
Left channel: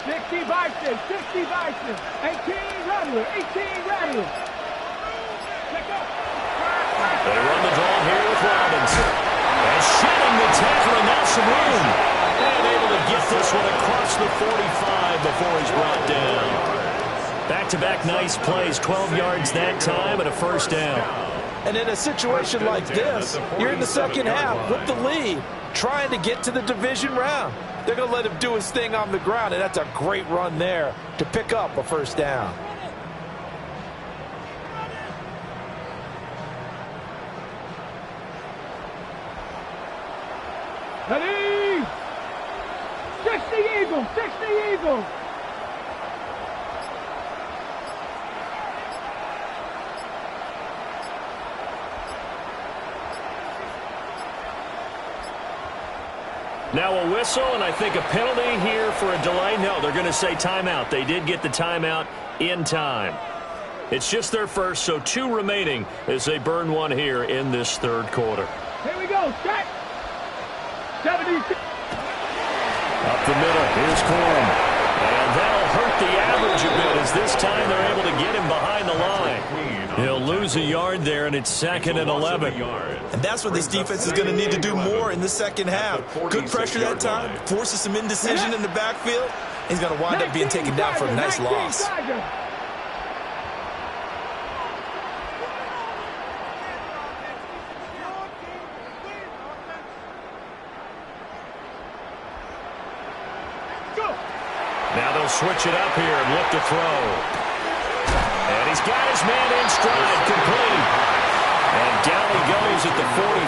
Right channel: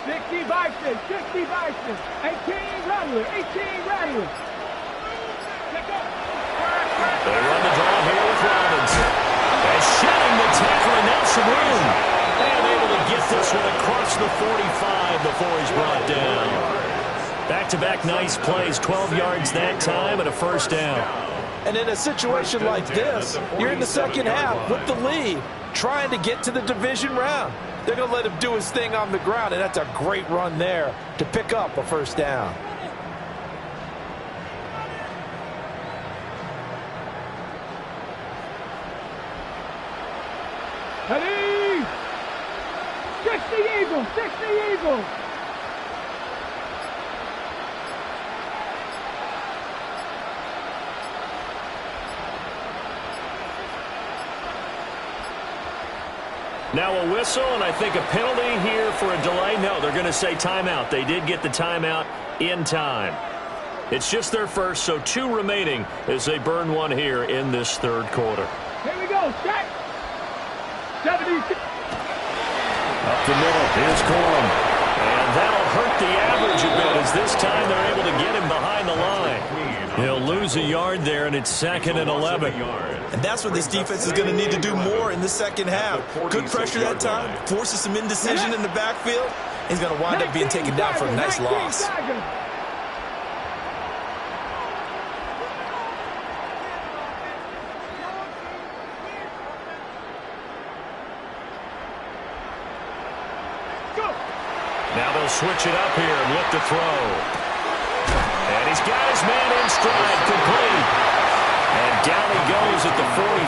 60 Bison, 60 Bison, 18 Rattler, 18 Rattler. They run the draw here with Robinson. And shedding the tackle, and now some room. And able to get this one across the 45 before he's brought down. Back-to-back nice plays, 12 yards that time and a 1st down. And in a situation like this, you're in the second half with the lead, trying to get to the division round. They're going to let him do his thing on the ground, and that's a great run there to pick up a 1st down. Ready? 60 Eagles, 60 Eagles. Now a whistle, and I think a penalty here for a delay. No, they're going to say timeout. They did get the timeout in time. It's just their first, so 2 remaining as they burn one here in this 3rd quarter. Here we go, set. 76. Up the middle, here's Corum. And that'll hurt the average a bit as this time they're able to get him behind the line. He'll lose a yard there, and it's 2nd and 11. And that's what this defense is going to need to do more in the second half. Good pressure that time, forces some indecision in the backfield. He's going to wind up being taken down for a nice loss. Now they'll switch it up here and look to throw. And he's got his man in stride, complete. And down he goes at the 45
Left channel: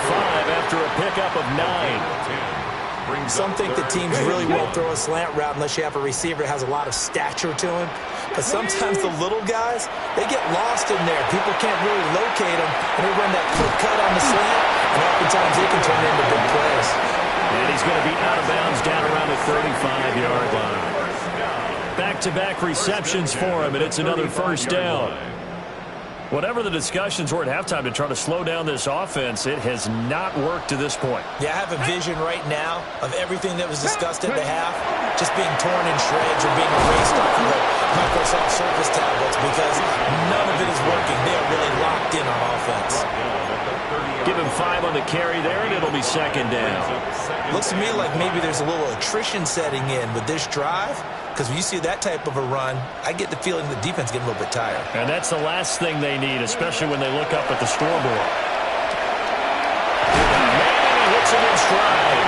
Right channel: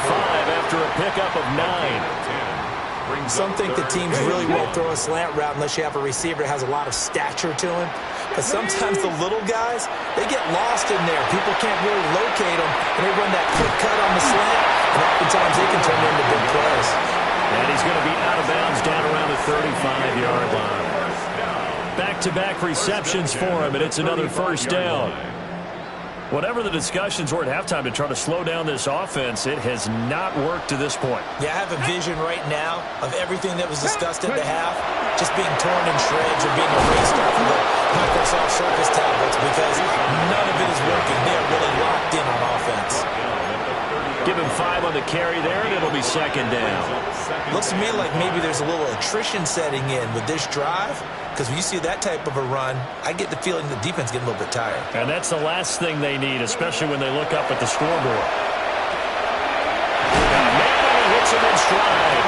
after a pickup of 9. Some think that teams really won't throw a slant route unless you have a receiver that has a lot of stature to him. But sometimes the little guys, they get lost in there. People can't really locate them, and they run that quick cut on the slant, and oftentimes they can turn into big plays. And he's going to be out of bounds down around the 35-yard line. Back-to-back receptions for him, and it's another 1st down. Whatever the discussions were at halftime to try to slow down this offense, it has not worked to this point. Yeah, I have a vision right now of everything that was discussed at the half just being torn in shreds or being erased off of the Microsoft Surface tablets because none of it is working. They are really locked in on offense. Give him 5 on the carry there, and it'll be 2nd down. Looks to me like maybe there's a little attrition setting in with this drive. Because when you see that type of a run, I get the feeling the defense getting a little bit tired. And that's the last thing they need, especially when they look up at the scoreboard. Man, and he hits him in stride.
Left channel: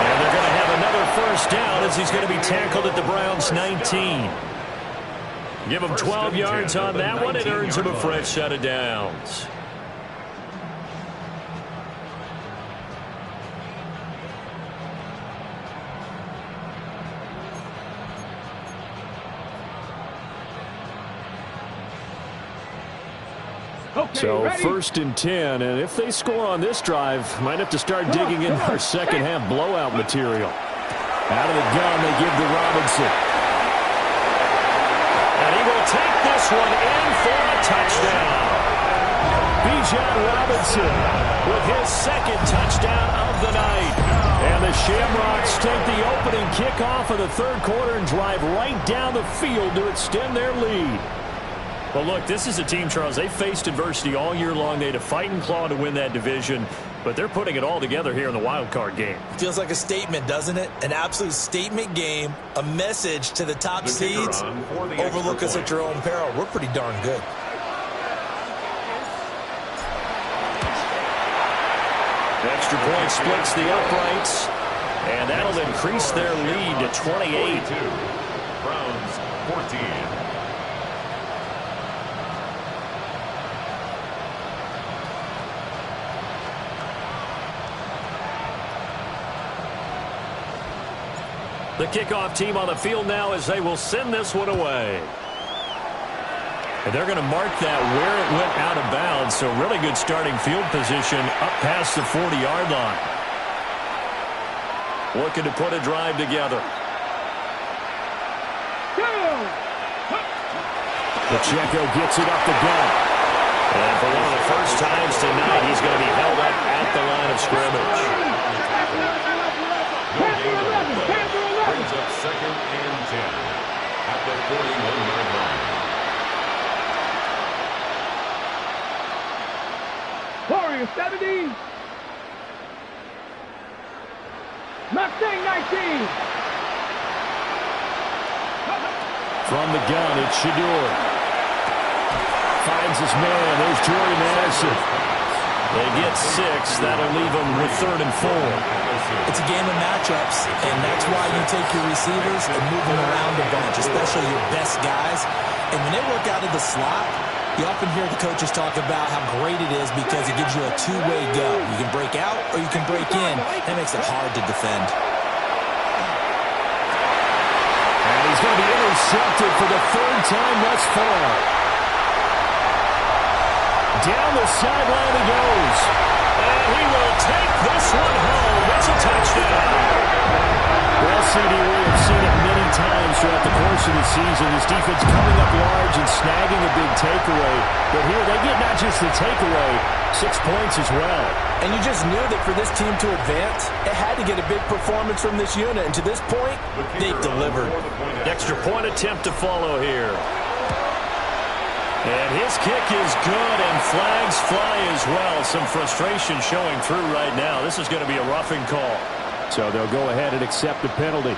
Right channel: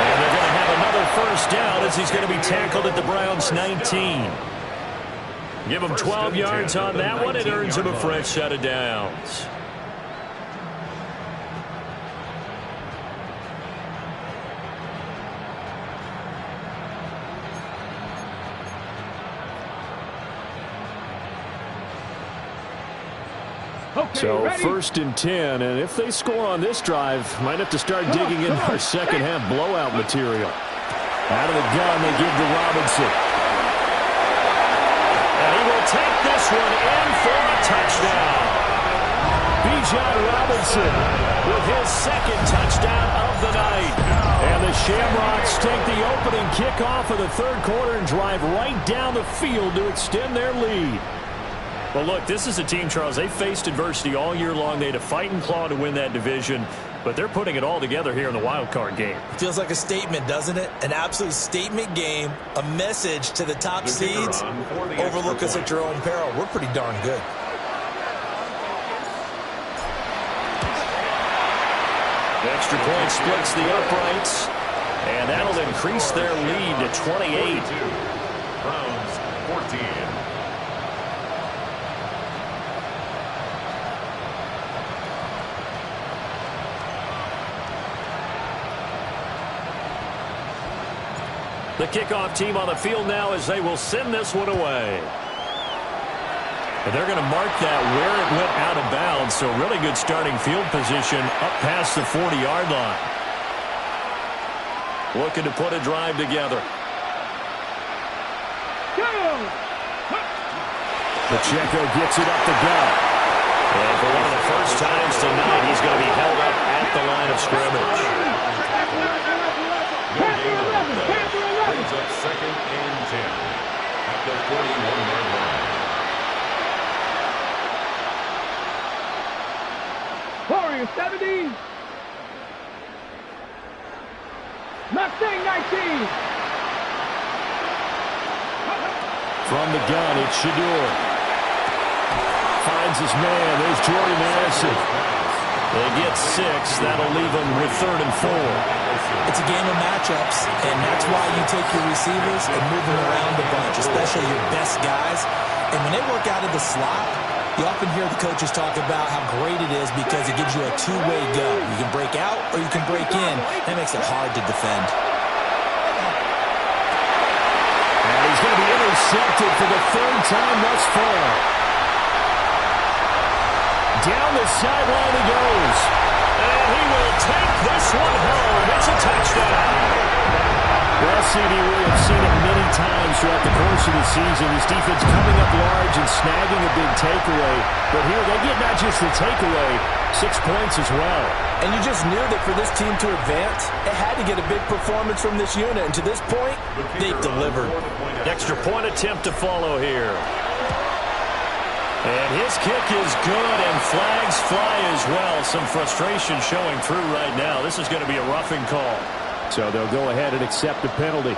And they're going to have another 1st down as he's going to be tackled at the Browns' 19. Give him 12 yards on that one. It earns him a fresh set of downs. So 1st and 10, and if they score on this drive, might have to start digging into our second half blowout material. Out of the gun, they give to Robinson. And he will take this one in for a touchdown. Bijan Robinson with his 2nd touchdown of the night. And the Shamrocks take the opening kickoff of the 3rd quarter and drive right down the field to extend their lead. Well, look, this is a team, Charles, they faced adversity all year long. They had to fight and claw to win that division, but they're putting it all together here in the wild card game. Feels like a statement, doesn't it? An absolute statement game, a message to the top seeds. Overlook us at your own peril. We're pretty darn good. The extra point splits the uprights, and that'll increase their lead to 28. 42. Browns 14. The kickoff team on the field now as they will send this one away. And they're going to mark that where it went out of bounds, so really good starting field position up past the 40-yard line. Looking to put a drive together. Pacheco gets it up the gut. And for one of the first times tonight, he's going to be held up at the line of scrimmage. Brings up 2nd and 10 at the 41-yard line. Warriors 70. Mustang 19. From the gun, it's Shador. Finds his man. There's Jordy Madison. They get 6. That'll leave them with 3rd and 4. It's a game of matchups, and that's why you take your receivers and move them around a bunch, especially your best guys. And when they work out of the slot, you often hear the coaches talk about how great it is because it gives you a two-way go. You can break out or you can break in. That makes it hard to defend. And he's going to be intercepted for the 3rd time thus far. Down the sideline he goes. And he will take this one home. It's a touchdown. Well, CD, we have seen it many times throughout the course of the season. This defense coming up large and snagging a big takeaway. But here they get not just the takeaway, 6 points as well. And you just knew that for this team to advance, it had to get a big performance from this unit. And to this point, they've delivered. Extra point attempt to follow here. And his kick is good, and flags fly as well. Some frustration showing through right now. This is going to be a roughing call. So they'll go ahead and accept the penalty.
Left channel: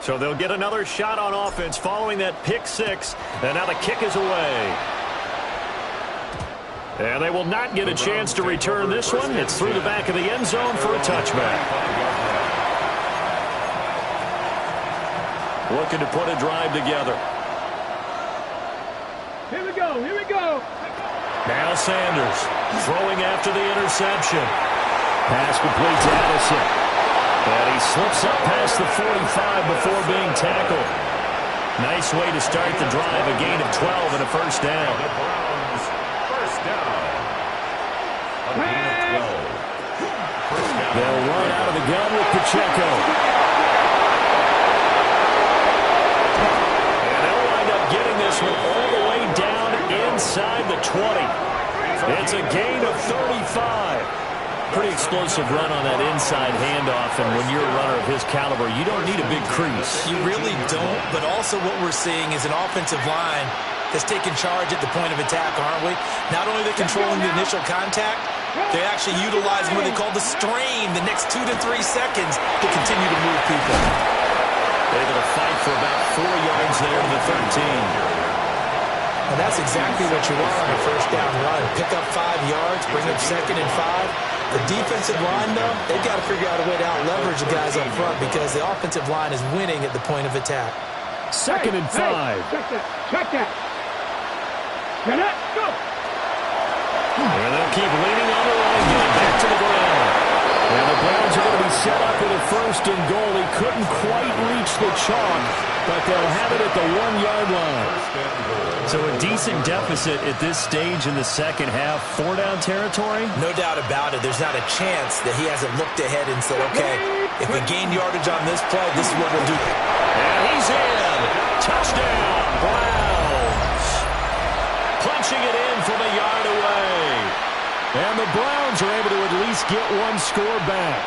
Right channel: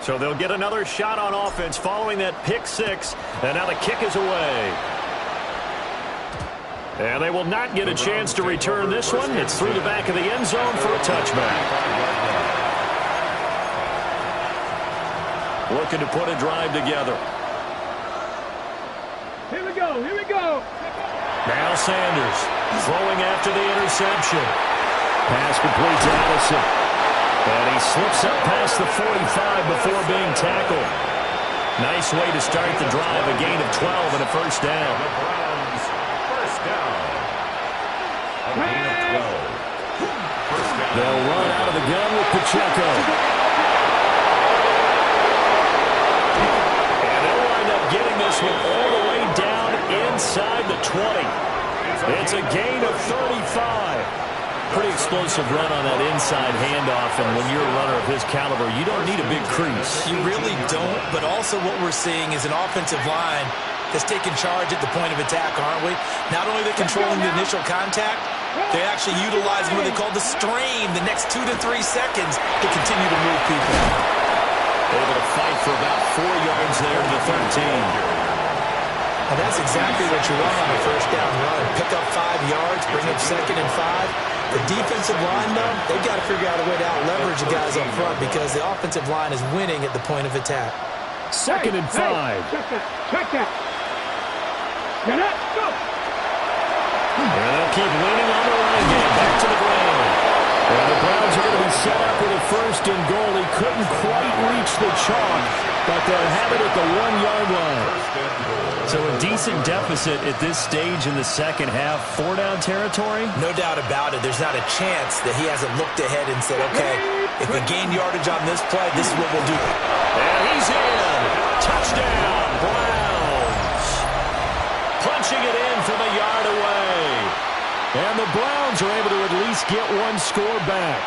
So they'll get another shot on offense following that pick 6. And now the kick is away. And they will not get a chance to return this one. It's through the back of the end zone for a touchback. Looking to put a drive together. Here we go. Here we go. Now Sanders throwing after the interception. Pass complete to Addison. And he slips up past the 45 before being tackled. Nice way to start the drive. A gain of 12 and a first down. The Browns, first down. A gain of 12. First down. They'll run out of the gun with Pacheco. And they'll wind up getting this one all the way down inside the 20. It's a gain of 35. Pretty explosive run on that inside handoff, and when you're a runner of his caliber, you don't need a big crease. You really don't, but also what we're seeing is an offensive line that's taking charge at the point of attack, aren't we? Not only are they controlling the initial contact, they actually utilize what they call the strain the next 2 to 3 seconds to continue to move people. Able to fight for about 4 yards there to the 13. And that's exactly what you want on a first down run. Pick up 5 yards, bring up 2nd and 5. The defensive line, though, they've got to figure out a way to out-leverage the guys up front because the offensive line is winning at the point of attack. 2nd and 5. Check that. Check that. Get up. Go. And they'll keep leaning on the running game. Back to the ground. And the Browns are going to be set up with a 1st and goal. He couldn't quite reach the chalk, but they'll have it at the 1-yard line. So a decent deficit at this stage in the second half. 4-down territory? No doubt about it. There's not a chance that he hasn't looked ahead and said, okay, if we gain yardage on this play, this is what we'll do. And he's in. Touchdown, Browns. Punching it in from a yard away. And the Browns are able to at least get one score back.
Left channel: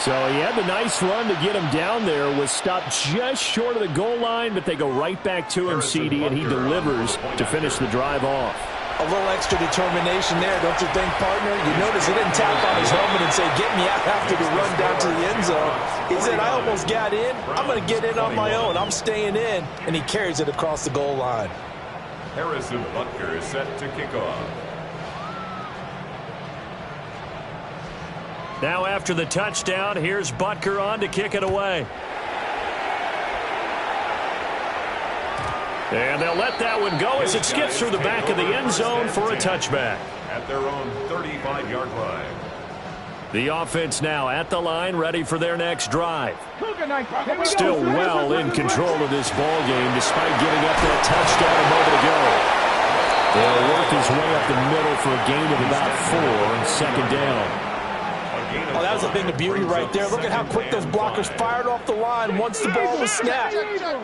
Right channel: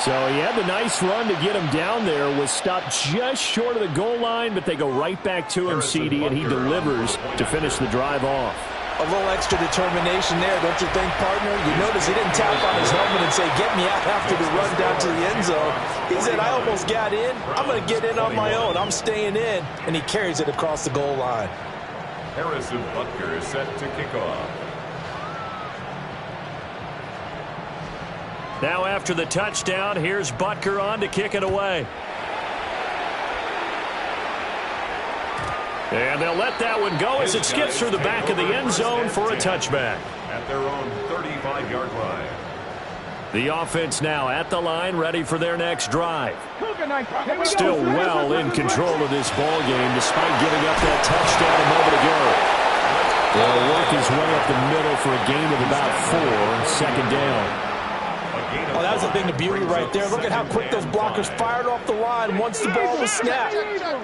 So he had the nice run to get him down there, was stopped just short of the goal line, but they go right back to him, CD, and he delivers to finish the drive off. A little extra determination there, don't you think, partner? You notice he didn't tap on his helmet and say, get me out after the run down to the end zone. He said, I almost got in. I'm going to get in on my own. I'm staying in. And he carries it across the goal line. Harrison Butker is set to kick off. Now after the touchdown, here's Butker on to kick it away. And they'll let that one go as it skips through the back of the end zone for a touchback. at their own 35-yard line. The offense now at the line, ready for their next drive. Still well in control of this ball game, despite giving up that touchdown a moment ago. They'll work his way up the middle for a gain of about 4 on second down. Oh, that was a thing of beauty right there. Look at how quick those blockers fired off the line once the ball was snapped.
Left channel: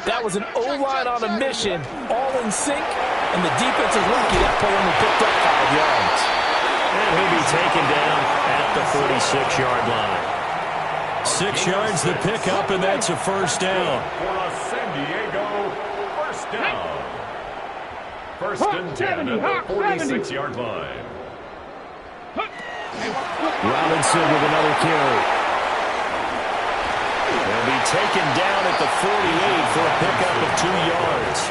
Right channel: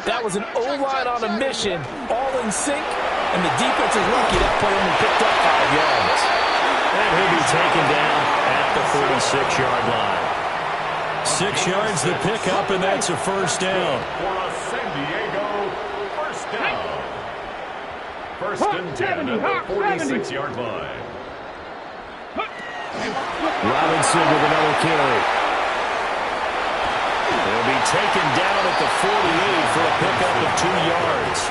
That was an O-line on a mission, all in sync, and the defense is lucky that play only picked up 5 yards. And he'll be taken down at the 46-yard line. 6 yards the pickup, and that's a first down. For a San Diego first down. First and 10 at the 46-yard line. Robinson with another carry. He'll be taken down at the 48 for a pickup of 2 yards.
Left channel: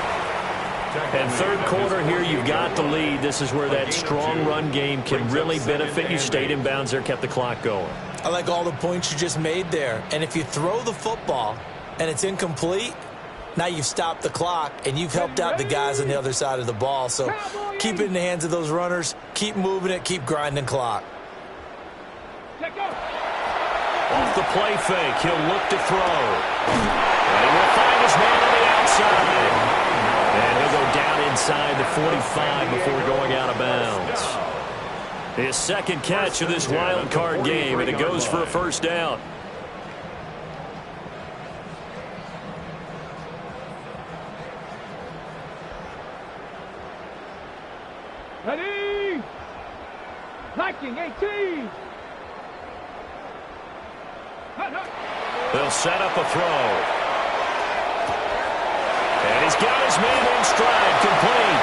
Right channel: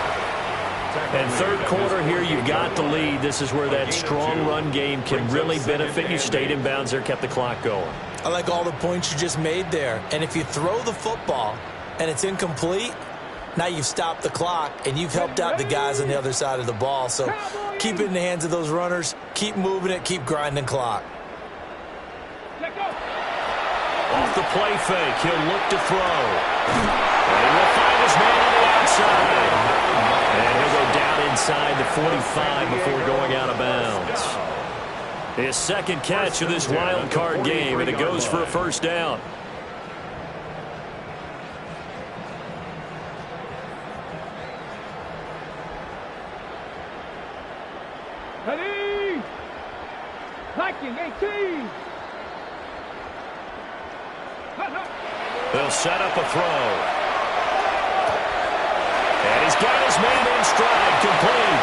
And third quarter here, you've got the lead. This is where that strong run game can really benefit you. Stayed in bounds there, kept the clock going. I like all the points you just made there. And if you throw the football and it's incomplete, now you've stopped the clock and you've helped out the guys on the other side of the ball. So keep it in the hands of those runners. Keep moving it. Keep grinding clock. Off the play fake, he'll look to throw. And he will find his man on the outside. And he'll go down inside the 45 before going out of bounds. His second catch of this wild card game, and it goes for a first down. Ready? Viking 18. They'll set up a throw. And he's got his man in stride, complete.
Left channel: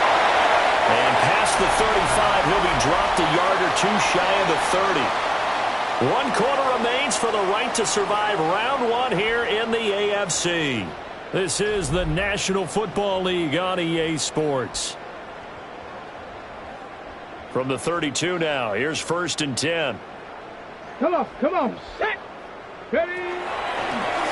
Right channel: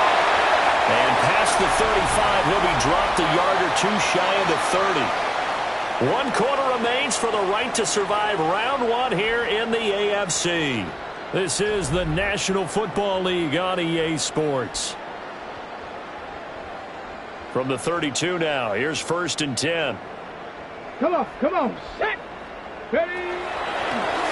And past the 35, he'll be dropped a yard or 2 shy of the 30. 1 quarter remains for the right to survive round 1 here in the AFC. This is the National Football League on EA Sports. From the 32 now, here's first and 10. Come on, set. Ready?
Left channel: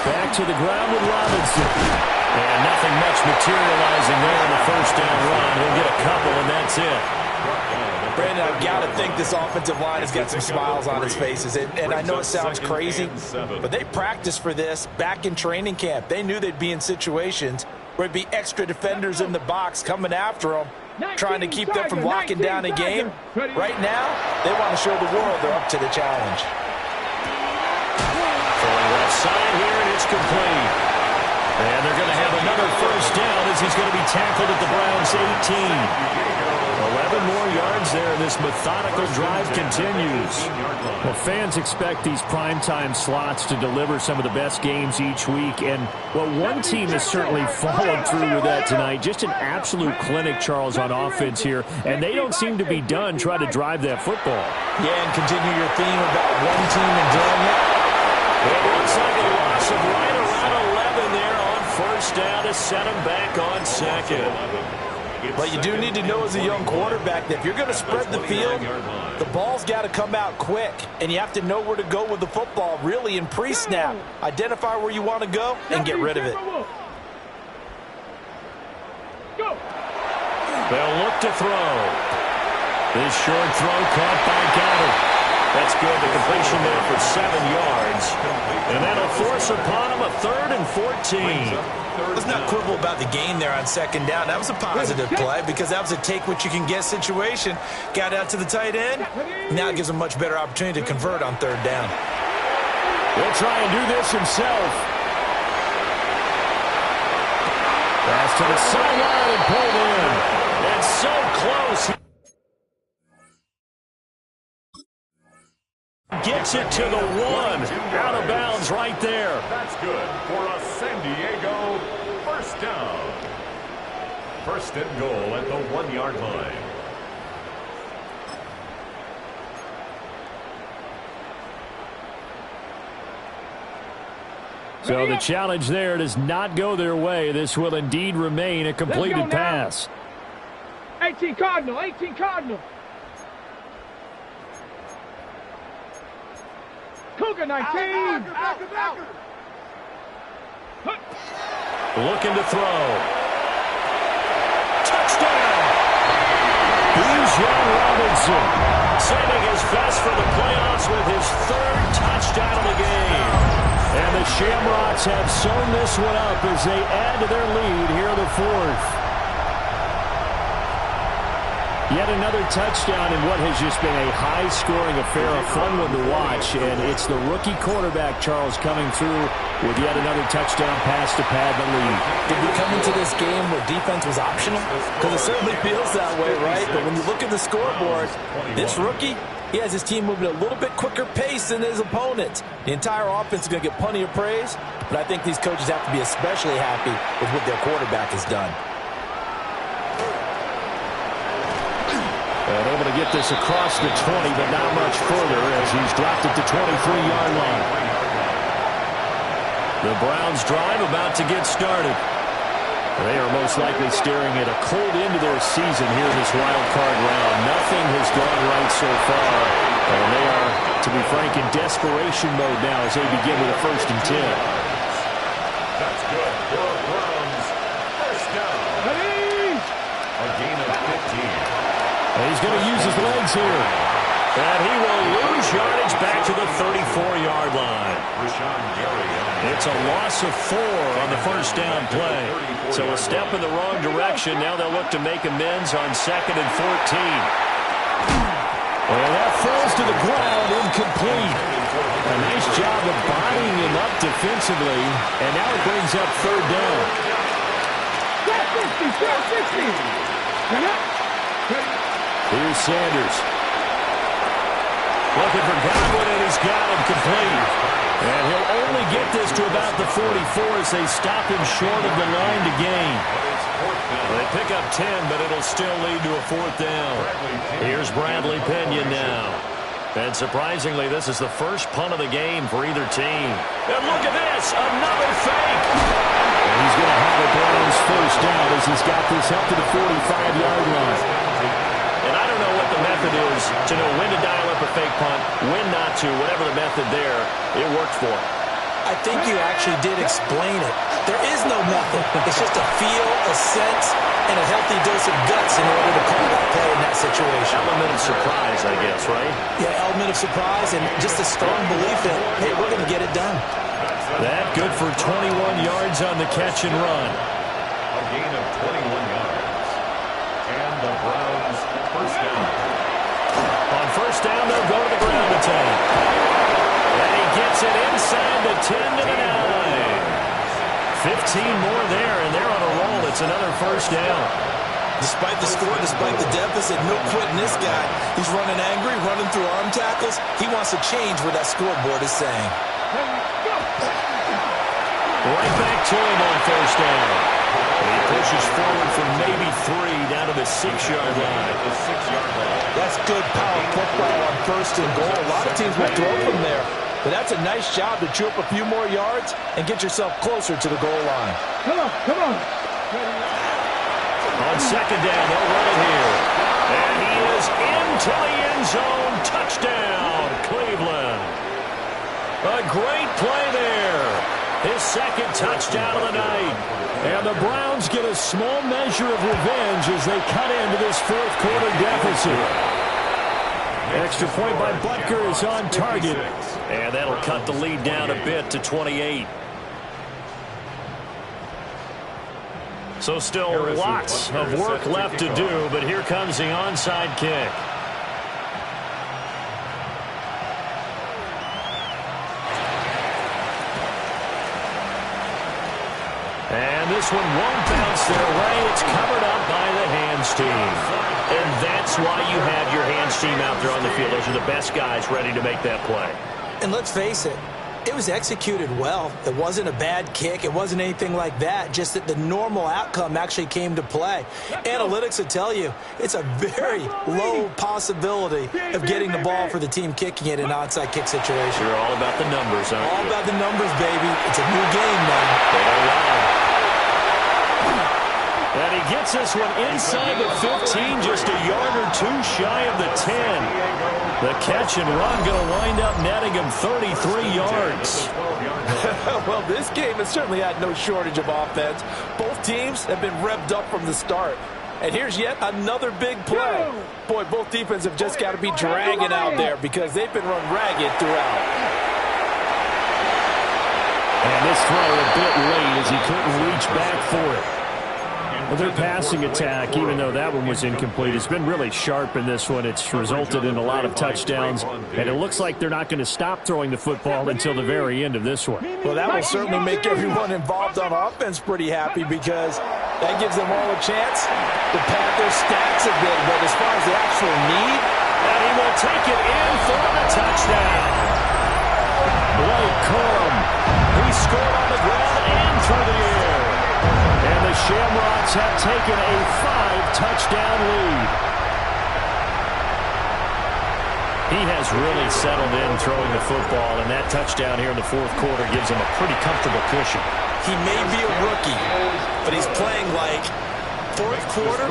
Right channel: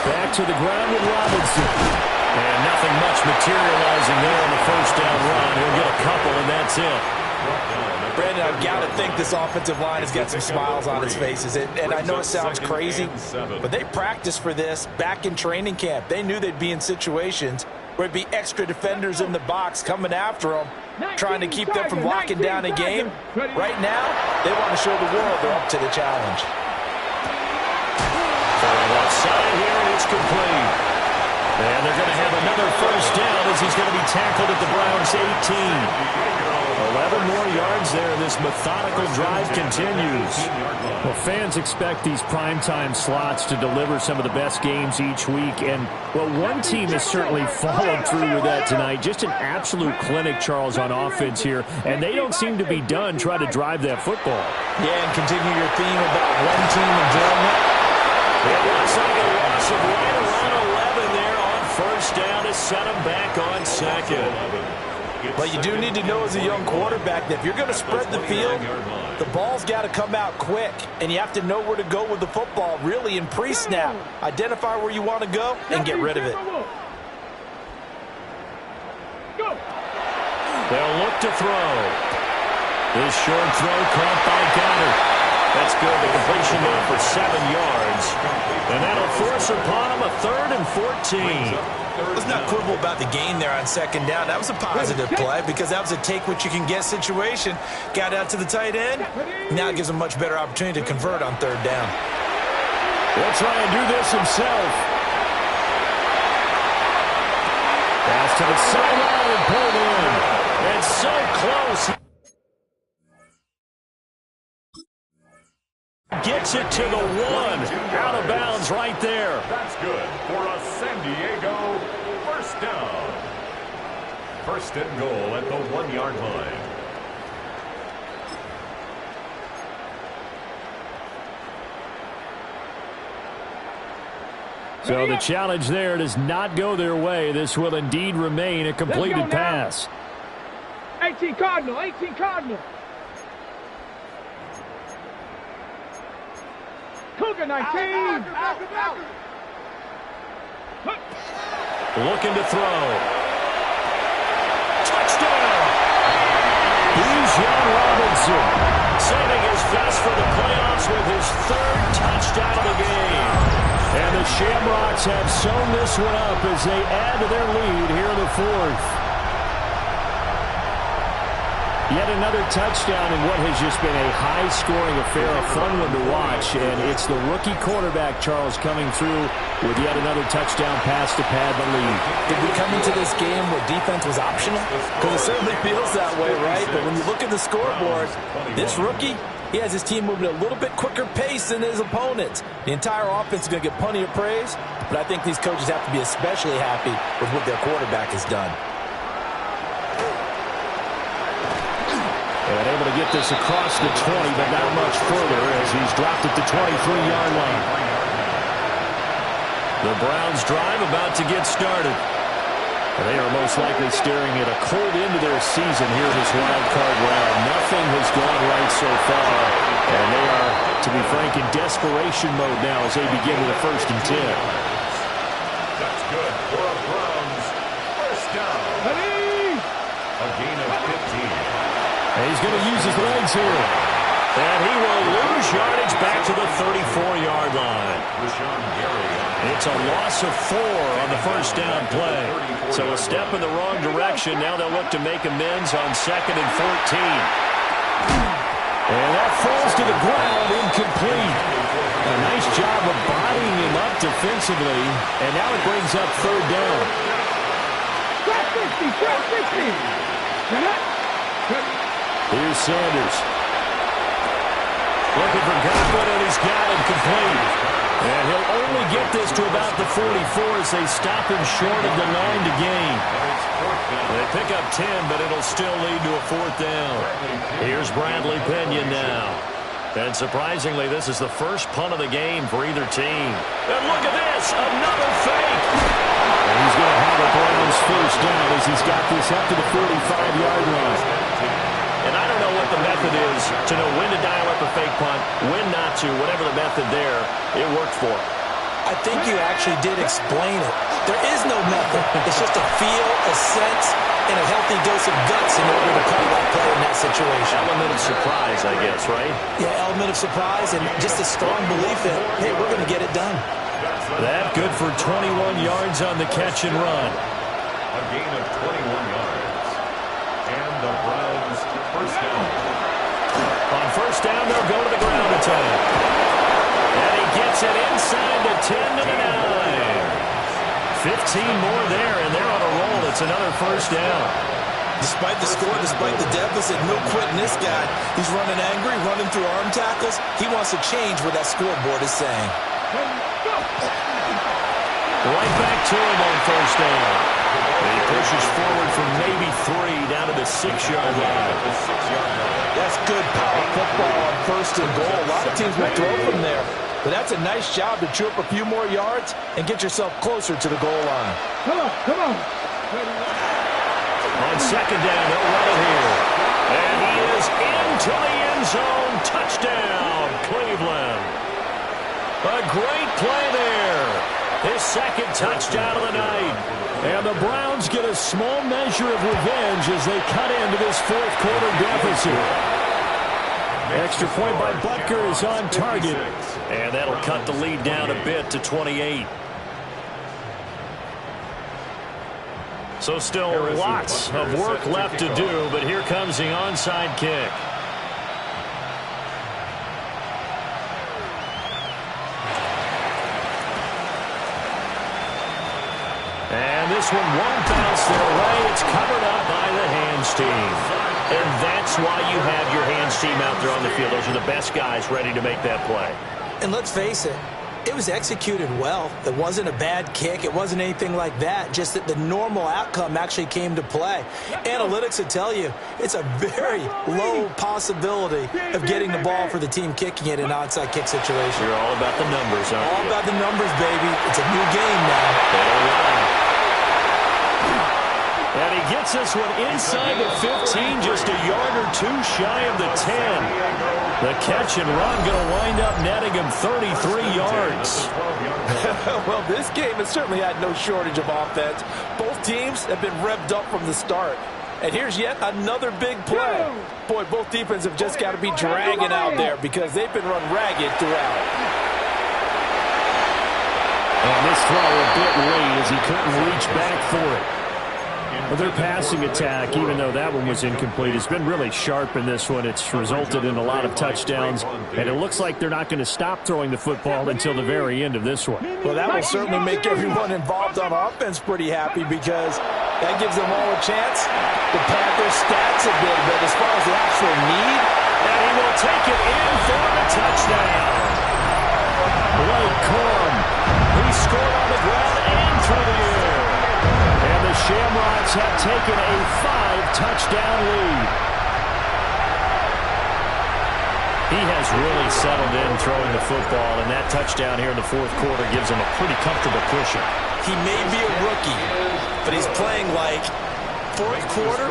Back to the ground with Robinson. And nothing much materializing there in the first down run. He'll get a couple, and that's it. Brandon, I've got to think this offensive line has got some smiles on its faces. And I know it sounds crazy, but they practiced for this back in training camp. They knew they'd be in situations where there'd be extra defenders in the box coming after them, trying to keep them from locking down a game. Right now, they want to show the world they're up to the challenge. Throwing left side here, and it's complete. And they're going to have another first down as he's going to be tackled at the Browns' 18. 11 more yards there. This methodical drive continues. Well, fans expect these primetime slots to deliver some of the best games each week. And, well, one team has certainly followed through with that tonight. Just an absolute clinic, Charles, on offense here. And they don't seem to be done trying to drive that football. Yeah, and continue your theme about one team enjoying it. It looks like a loss of right around 11 there on first down to set him back on second. But you do need to know as a young quarterback that if you're going to spread the field, the ball's got to come out quick. And you have to know where to go with the football, really, in pre-snap. Identify where you want to go and get rid of it. They'll look to throw. This short throw caught by Goddard. That's good. The completion there for 7 yards. And that'll force upon him a 3rd and 14. Let's not quibble about the gain there on second down. That was a positive play because that was a take-what-you-can-get situation. Got out to the tight end. Now it gives him a much better opportunity to convert on 3rd down. We'll try and do this himself. Pass to the sideline and pulled in. And so close. Gets it to the 1. Out of bounds right there. That's good for a San Diego first down. First and goal at the 1-yard line. So the challenge there does not go their way. This will indeed remain a completed pass. 18 Cardinal, 18 Cardinal. Cougar 19. Out. Looking to throw. Touchdown. Here's John Robinson. saving his best for the playoffs with his 3rd touchdown of the game. And the Shamrocks have sewn this one up as they add to their lead here in the 4th. Yet another touchdown in what has just been a high-scoring affair, a fun one to watch. And it's the rookie quarterback, Charles, coming through with yet another touchdown pass to pad the lead. Did we come into this game where defense was optional? Because it certainly feels that way, right? But when you look at the scoreboard, this rookie, he has his team moving at a little bit quicker pace than his opponents. The entire offense is going to get plenty of praise, but I think these coaches have to be especially happy with what their quarterback has done. And able to get this across the 20, but not much further as he's dropped it to 23-yard line. The Browns drive about to get started. They are most likely staring at a cold end to their season here in this wild card round. Nothing has gone right so far, and they are, to be frank, in desperation mode now as they begin with a 1st and 10. That's good for a Browns 1st down. A gain of 15. And he's going to use his legs here. And he will lose yardage back to the 34-yard line. It's a loss of 4 on the 1st down play. So a step in the wrong direction. Now they'll look to make amends on 2nd and 14. And that falls to the ground, incomplete. A nice job of bodying him up defensively. And now it brings up 3rd down. 60. Here's Sanders. Looking for Godwin, and he's got him complete. And he'll only get this to about the 44 as they stop him short of the line to gain. They pick up 10, but it'll still lead to a 4th down. Here's Bradley Pena now. And surprisingly, this is the first punt of the game for either team. And look at this, another fake. And he's going to have a Browns 1st down as he's got this up to the 45-yard line. And I don't know what the method is to know when to dial up a fake punt, when not to, whatever the method there, it worked for him. I think you actually did explain it. There is no method. It's just a feel, a sense, and a healthy dose of guts in order to call that play in that situation. Element of surprise, I guess, right? Yeah, element of surprise and just a strong belief that, hey, we're going to get it done. That good for 21 yards on the catch and run. A gain of 21 yards. And the Browns 1st down. On 1st down, they'll go to the ground attack. And he gets it inside the 10 to the 9. 15 more there, and they're on a roll. It's another 1st down. Despite the score, despite the deficit, no quitting this guy. He's running angry, running through arm tackles. He wants to change what that scoreboard is saying. Right back to him on 1st down. He pushes forward from maybe 3 down to the 6-yard line. That's good power football on 1st and goal. A lot of teams will throw from there. But that's a nice job to chew up a few more yards and get yourself closer to the goal line. Come on. On 2nd down, they'll run it here. And he is into the end zone. Touchdown, Cleveland. A great play there. His 2nd touchdown of the night. And the Browns get a small measure of revenge as they cut into this 4th quarter deficit. Extra point by Butker is on target. And that'll cut the lead down a bit to 28. So still lots of work left to do, but here comes the onside kick. And this one won't bounce their way. It's covered up by the hands team. And that's why you have your hands team out there on the field. Those are the best guys ready to make that play. And let's face it, it was executed well. It wasn't a bad kick. It wasn't anything like that. Just that the normal outcome actually came to play. Analytics would tell you it's a very low possibility of getting the ball for the team kicking it in an onside kick situation. You're all about the numbers, aren't you? All about the numbers, baby. It's a new game now. They don't lie. And he gets this one inside the 15, just a yard or 2 shy of the 10. The catch and run going to wind up netting him 33 yards. Well, this game has certainly had no shortage of offense. Both teams have been revved up from the start. And here's yet another big play. Boy, both defenses have just got to be dragging out there because they've been run ragged throughout. And this throw a bit late as he couldn't reach back for it. Well, their passing attack, even though that one was incomplete, has been really sharp in this one. It's resulted in a lot of touchdowns, and it looks like they're not going to stop throwing the football until the very end of this one. Well, that will certainly make everyone involved on offense pretty happy because that gives them all a chance to pad their stats a bit. But as far as the actual need, and he will take it in for the touchdown. Blake Corum, he scored on the ground and through the air. And the Shamrocks have taken a 5-touchdown lead. He has really settled in throwing the football, and that touchdown here in the fourth quarter gives him a pretty comfortable cushion. He may be a rookie, but he's playing like fourth quarter,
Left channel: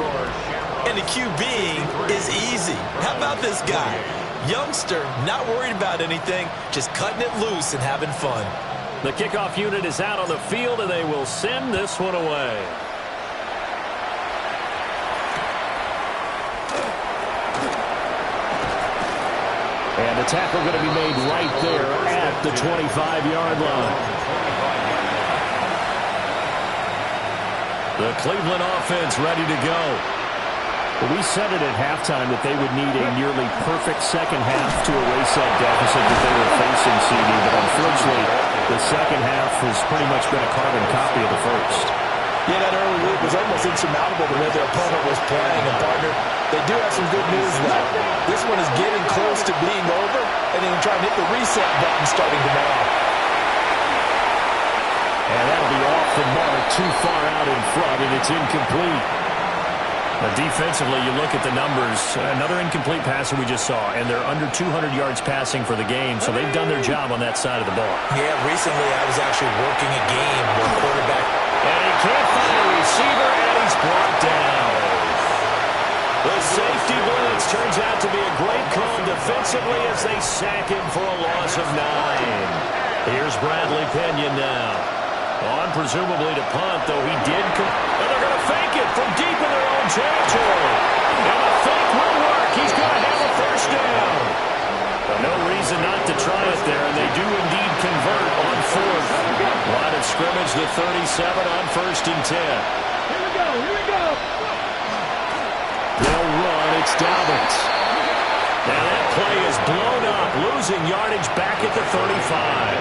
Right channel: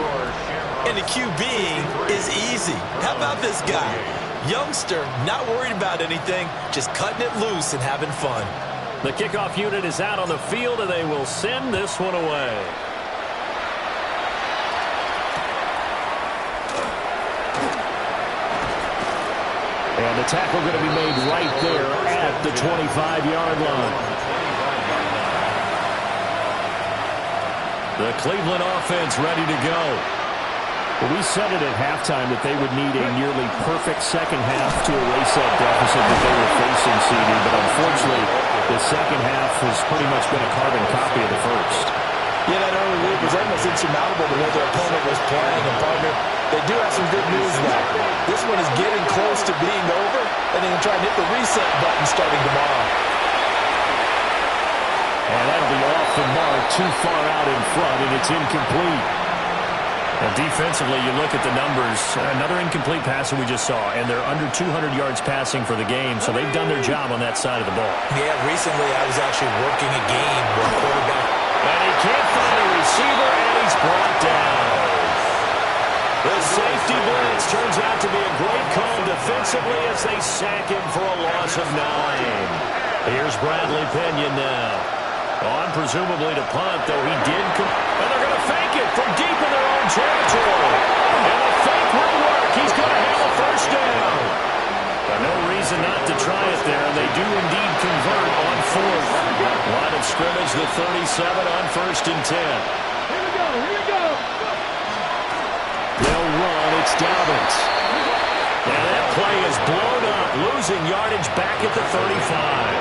and the QBing is easy. How about this guy? Youngster, not worried about anything, just cutting it loose and having fun. The kickoff unit is out on the field, and they will send this one away. And the tackle going to be made right there at the 25-yard line. The Cleveland offense ready to go. Well, we said it at halftime that they would need a nearly perfect second half to erase that deficit that they were facing, CD, but unfortunately, the second half has pretty much been a carbon copy of the first. Yeah, that early lead was almost insurmountable the way their opponent was playing. And, partner, they do have some good news now. This one is getting close to being over, and they can try and hit the reset button starting tomorrow. And that'll be off the mark, too far out in front, and it's incomplete. Now, defensively, you look at the numbers. Another incomplete passer we just saw, and they're under 200 yards passing for the game, so they've done their job on that side of the ball. Yeah, recently I was actually working a game where a quarterback... And he can't find a receiver, and he's brought down. The safety blitz turns out to be a great call defensively as they sack him for a loss of 9. Here's Bradley Pinion now. On presumably to punt, though he did... And they're going to fake it from deep in their own territory. And the fake will work. He's going to have a first down. No reason not to try it there, and they do indeed convert on fourth. Line of scrimmage, the 37 on 1st and 10. Here we go. They'll run. It's Dobbins. Now that play is blown up, losing yardage back at the 35.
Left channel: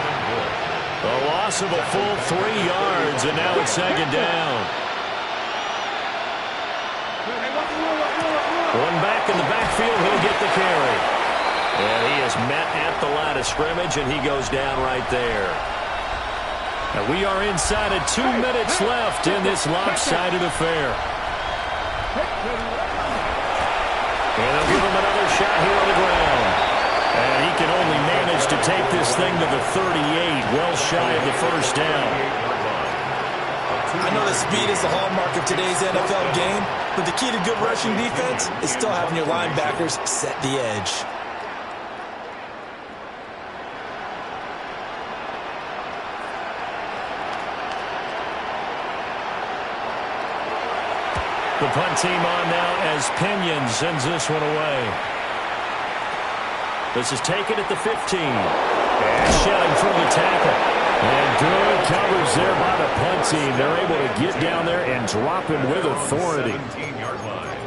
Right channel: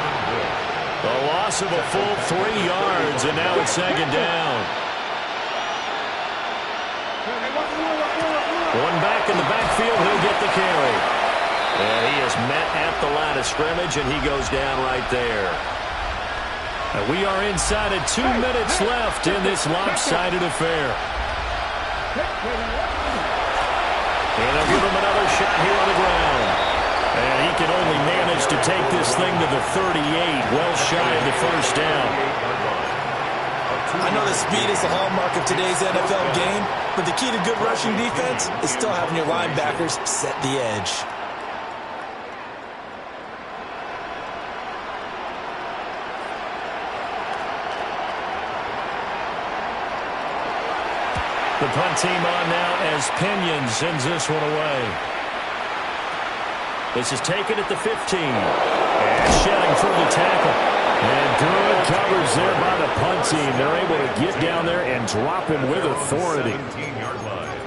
A loss of a full 3 yards, and now it's second down. One back in the backfield, he'll get the carry. And he is met at the line of scrimmage, and he goes down right there. And we are inside of 2 minutes left in this lopsided affair. And they'll give him another shot here on the ground. And he can only manage to take this thing to the 38, well shy of the first down. I know that speed is the hallmark of today's NFL game, but the key to good rushing defense is still having your linebackers set the edge. The punt team on now as Pinion sends this one away. This is taken at the 15. And shedding through the tackle. And good coverage there by the punt team. They're able to get down there and drop him with authority. 17-yard line.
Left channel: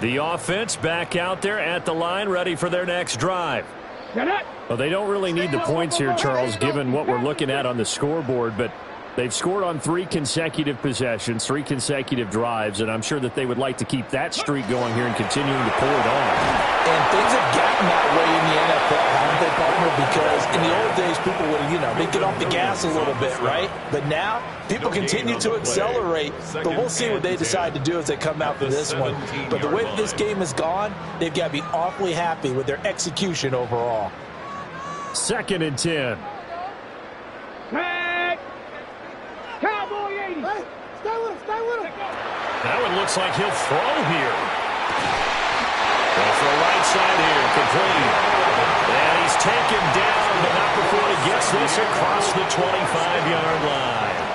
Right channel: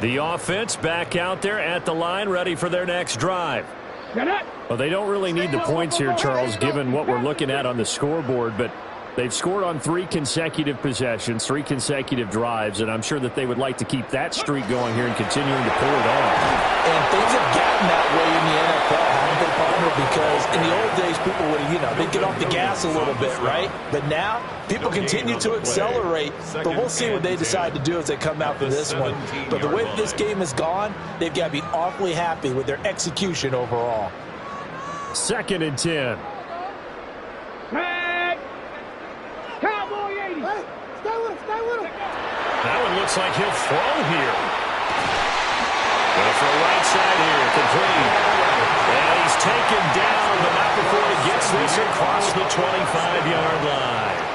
The offense back out there at the line, ready for their next drive. Well, they don't really need the points here, Charles, given what we're looking at on the scoreboard, but they've scored on 3 consecutive possessions, 3 consecutive drives, and I'm sure that they would like to keep that streak going here and continuing to pull it on. And things have gotten that way in the NFL, haven't they, partner? Because in the old days, people would, they'd get off the gas a little bit, right? But now, people continue to accelerate, but we'll see what they decide to do as they come out for this one. But the way that this game has gone, they've got to be awfully happy with their execution overall. 2nd and 10. Tag! Cowboy 80! Hey, stay with him! That one looks like he'll throw here. Well, for a right side here, complete. And he's taken down, but not before he gets this across the 25-yard line.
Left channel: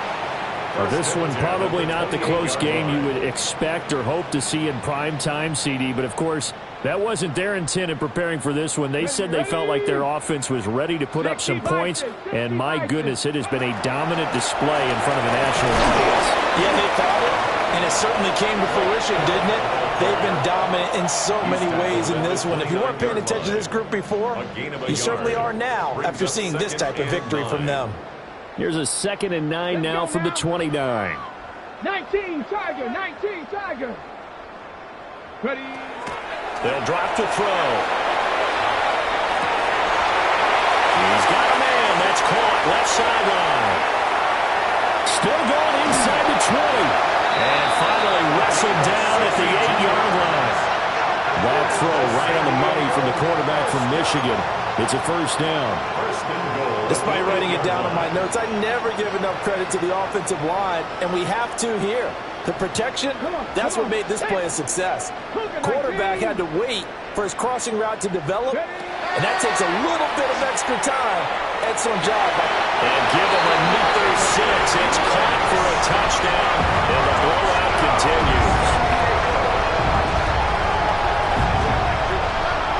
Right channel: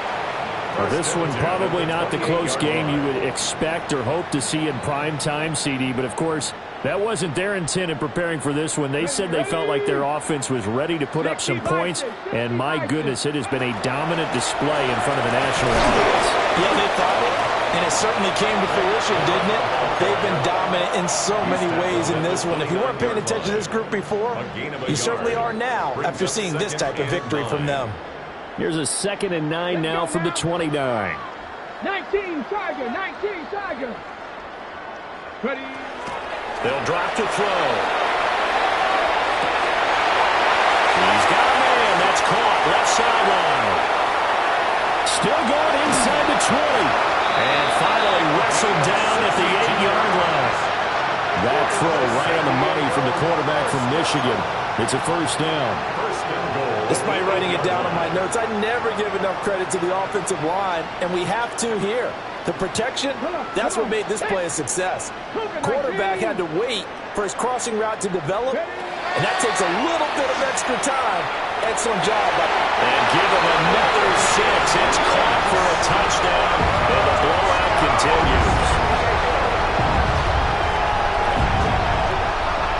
Well, this one probably not the close game you would expect or hope to see in prime time, CD. But, of course, that wasn't their intent in preparing for this one. They said they felt like their offense was ready to put up some points. And, my goodness, it has been a dominant display in front of a national audience. Yeah, they thought it, and it certainly came to fruition, didn't it? They've been dominant in so many ways in this one. If you weren't paying attention to this group before, you certainly are now after seeing this type of victory from them. Here's a 2nd and 9 now from the 29. 19 Tiger, 19 Tiger. Ready. They'll drop to throw. He's got a man. That's caught. Left sideline. Still going inside the 20. And finally wrestled down at the 8-yard line. That throw right on the money from the quarterback from Michigan. It's a first down. Despite writing it down on my notes, I never give enough credit to the offensive line, and we have to here. The protection, that's what made this play a success. Quarterback had to wait for his crossing route to develop, and that takes a little bit of extra time. Excellent job. And give him another 6. It's caught for a touchdown, and the blowout continues.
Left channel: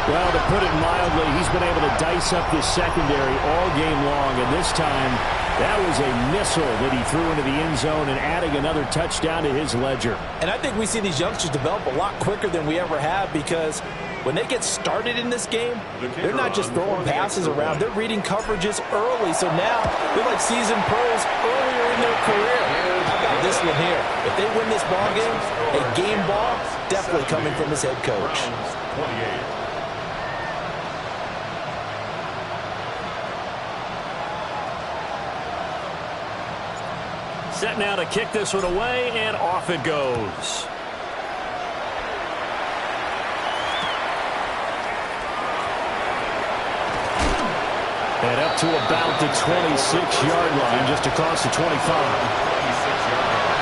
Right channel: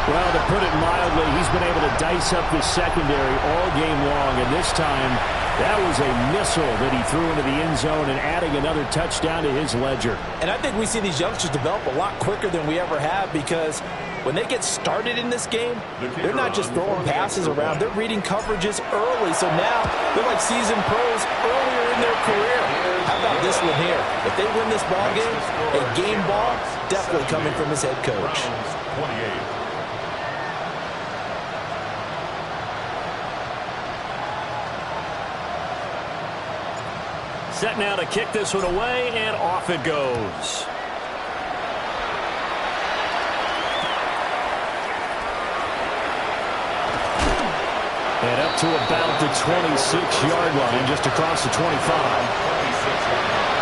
Well, to put it mildly, he's been able to dice up the secondary all game long, and this time that was a missile that he threw into the end zone and adding another touchdown to his ledger. And I think we see these youngsters develop a lot quicker than we ever have, because when they get started in this game, they're not just throwing passes around. They're reading coverages early, so now they're like seasoned pros earlier in their career. How about this one here? If they win this ball game, a game ball definitely coming from his head coach. 28. Set now to kick this one away, and off it goes. And up to about the 26-yard line, just across the 25. 26-yard line.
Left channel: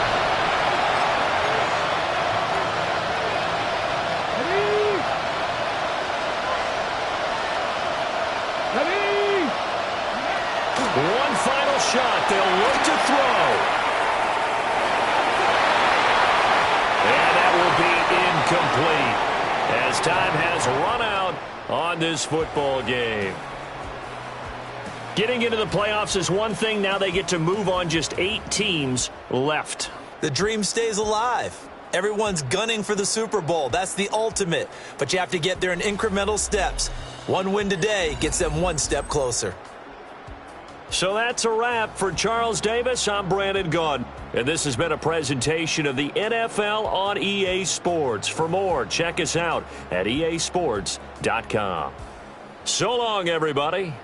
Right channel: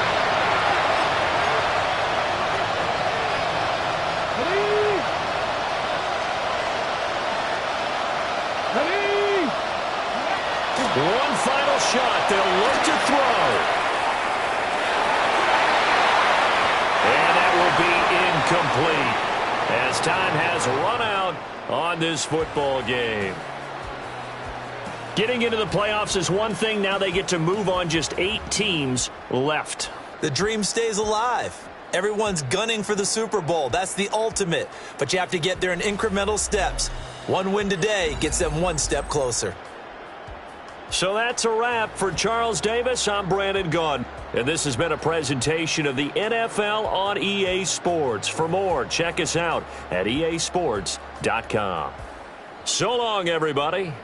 Ready. One final shot. They'll look to throw. And that will be incomplete as time has run out on this football game. Getting into the playoffs is one thing. Now they get to move on. Just 8 teams left. The dream stays alive. Everyone's gunning for the Super Bowl. That's the ultimate. But you have to get there in incremental steps. One win today gets them one step closer. So that's a wrap for Charles Davis. I'm Brandon Gaudin, and this has been a presentation of the NFL on EA Sports. For more, check us out at easports.com. So long, everybody.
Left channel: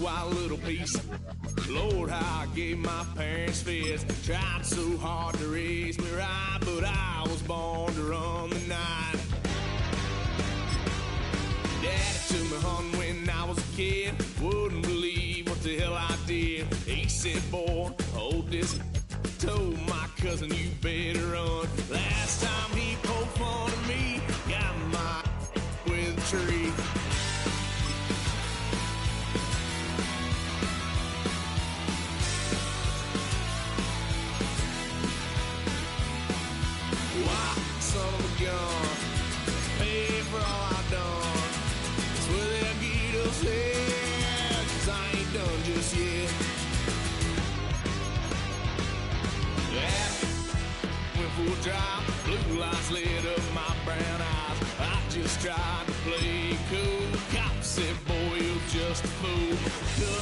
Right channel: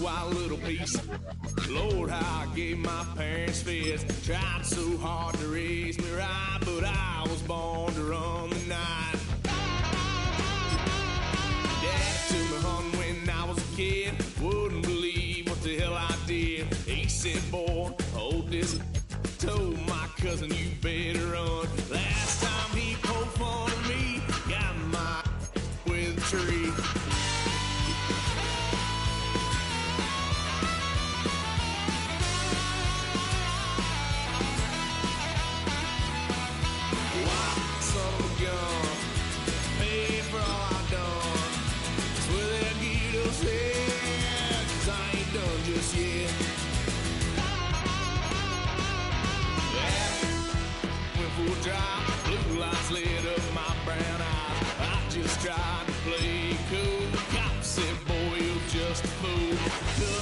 Wild little piece. Lord, how I gave my parents fits. Tried so hard to raise me right, but I was born to run the night. Daddy took me hunting when I was a kid. Wouldn't believe what the hell I did. He said, boy, hold this. Told my cousin, you better run. Last time he poked fun at me, got my with a tree. Son of a gun, pay for all I've done. Swear they'll get us here, 'cause I ain't done just yet. Went for a drive, blue lights lit up my brown eyes. I just tried to play cool. Cop said, boy, you'll just fool.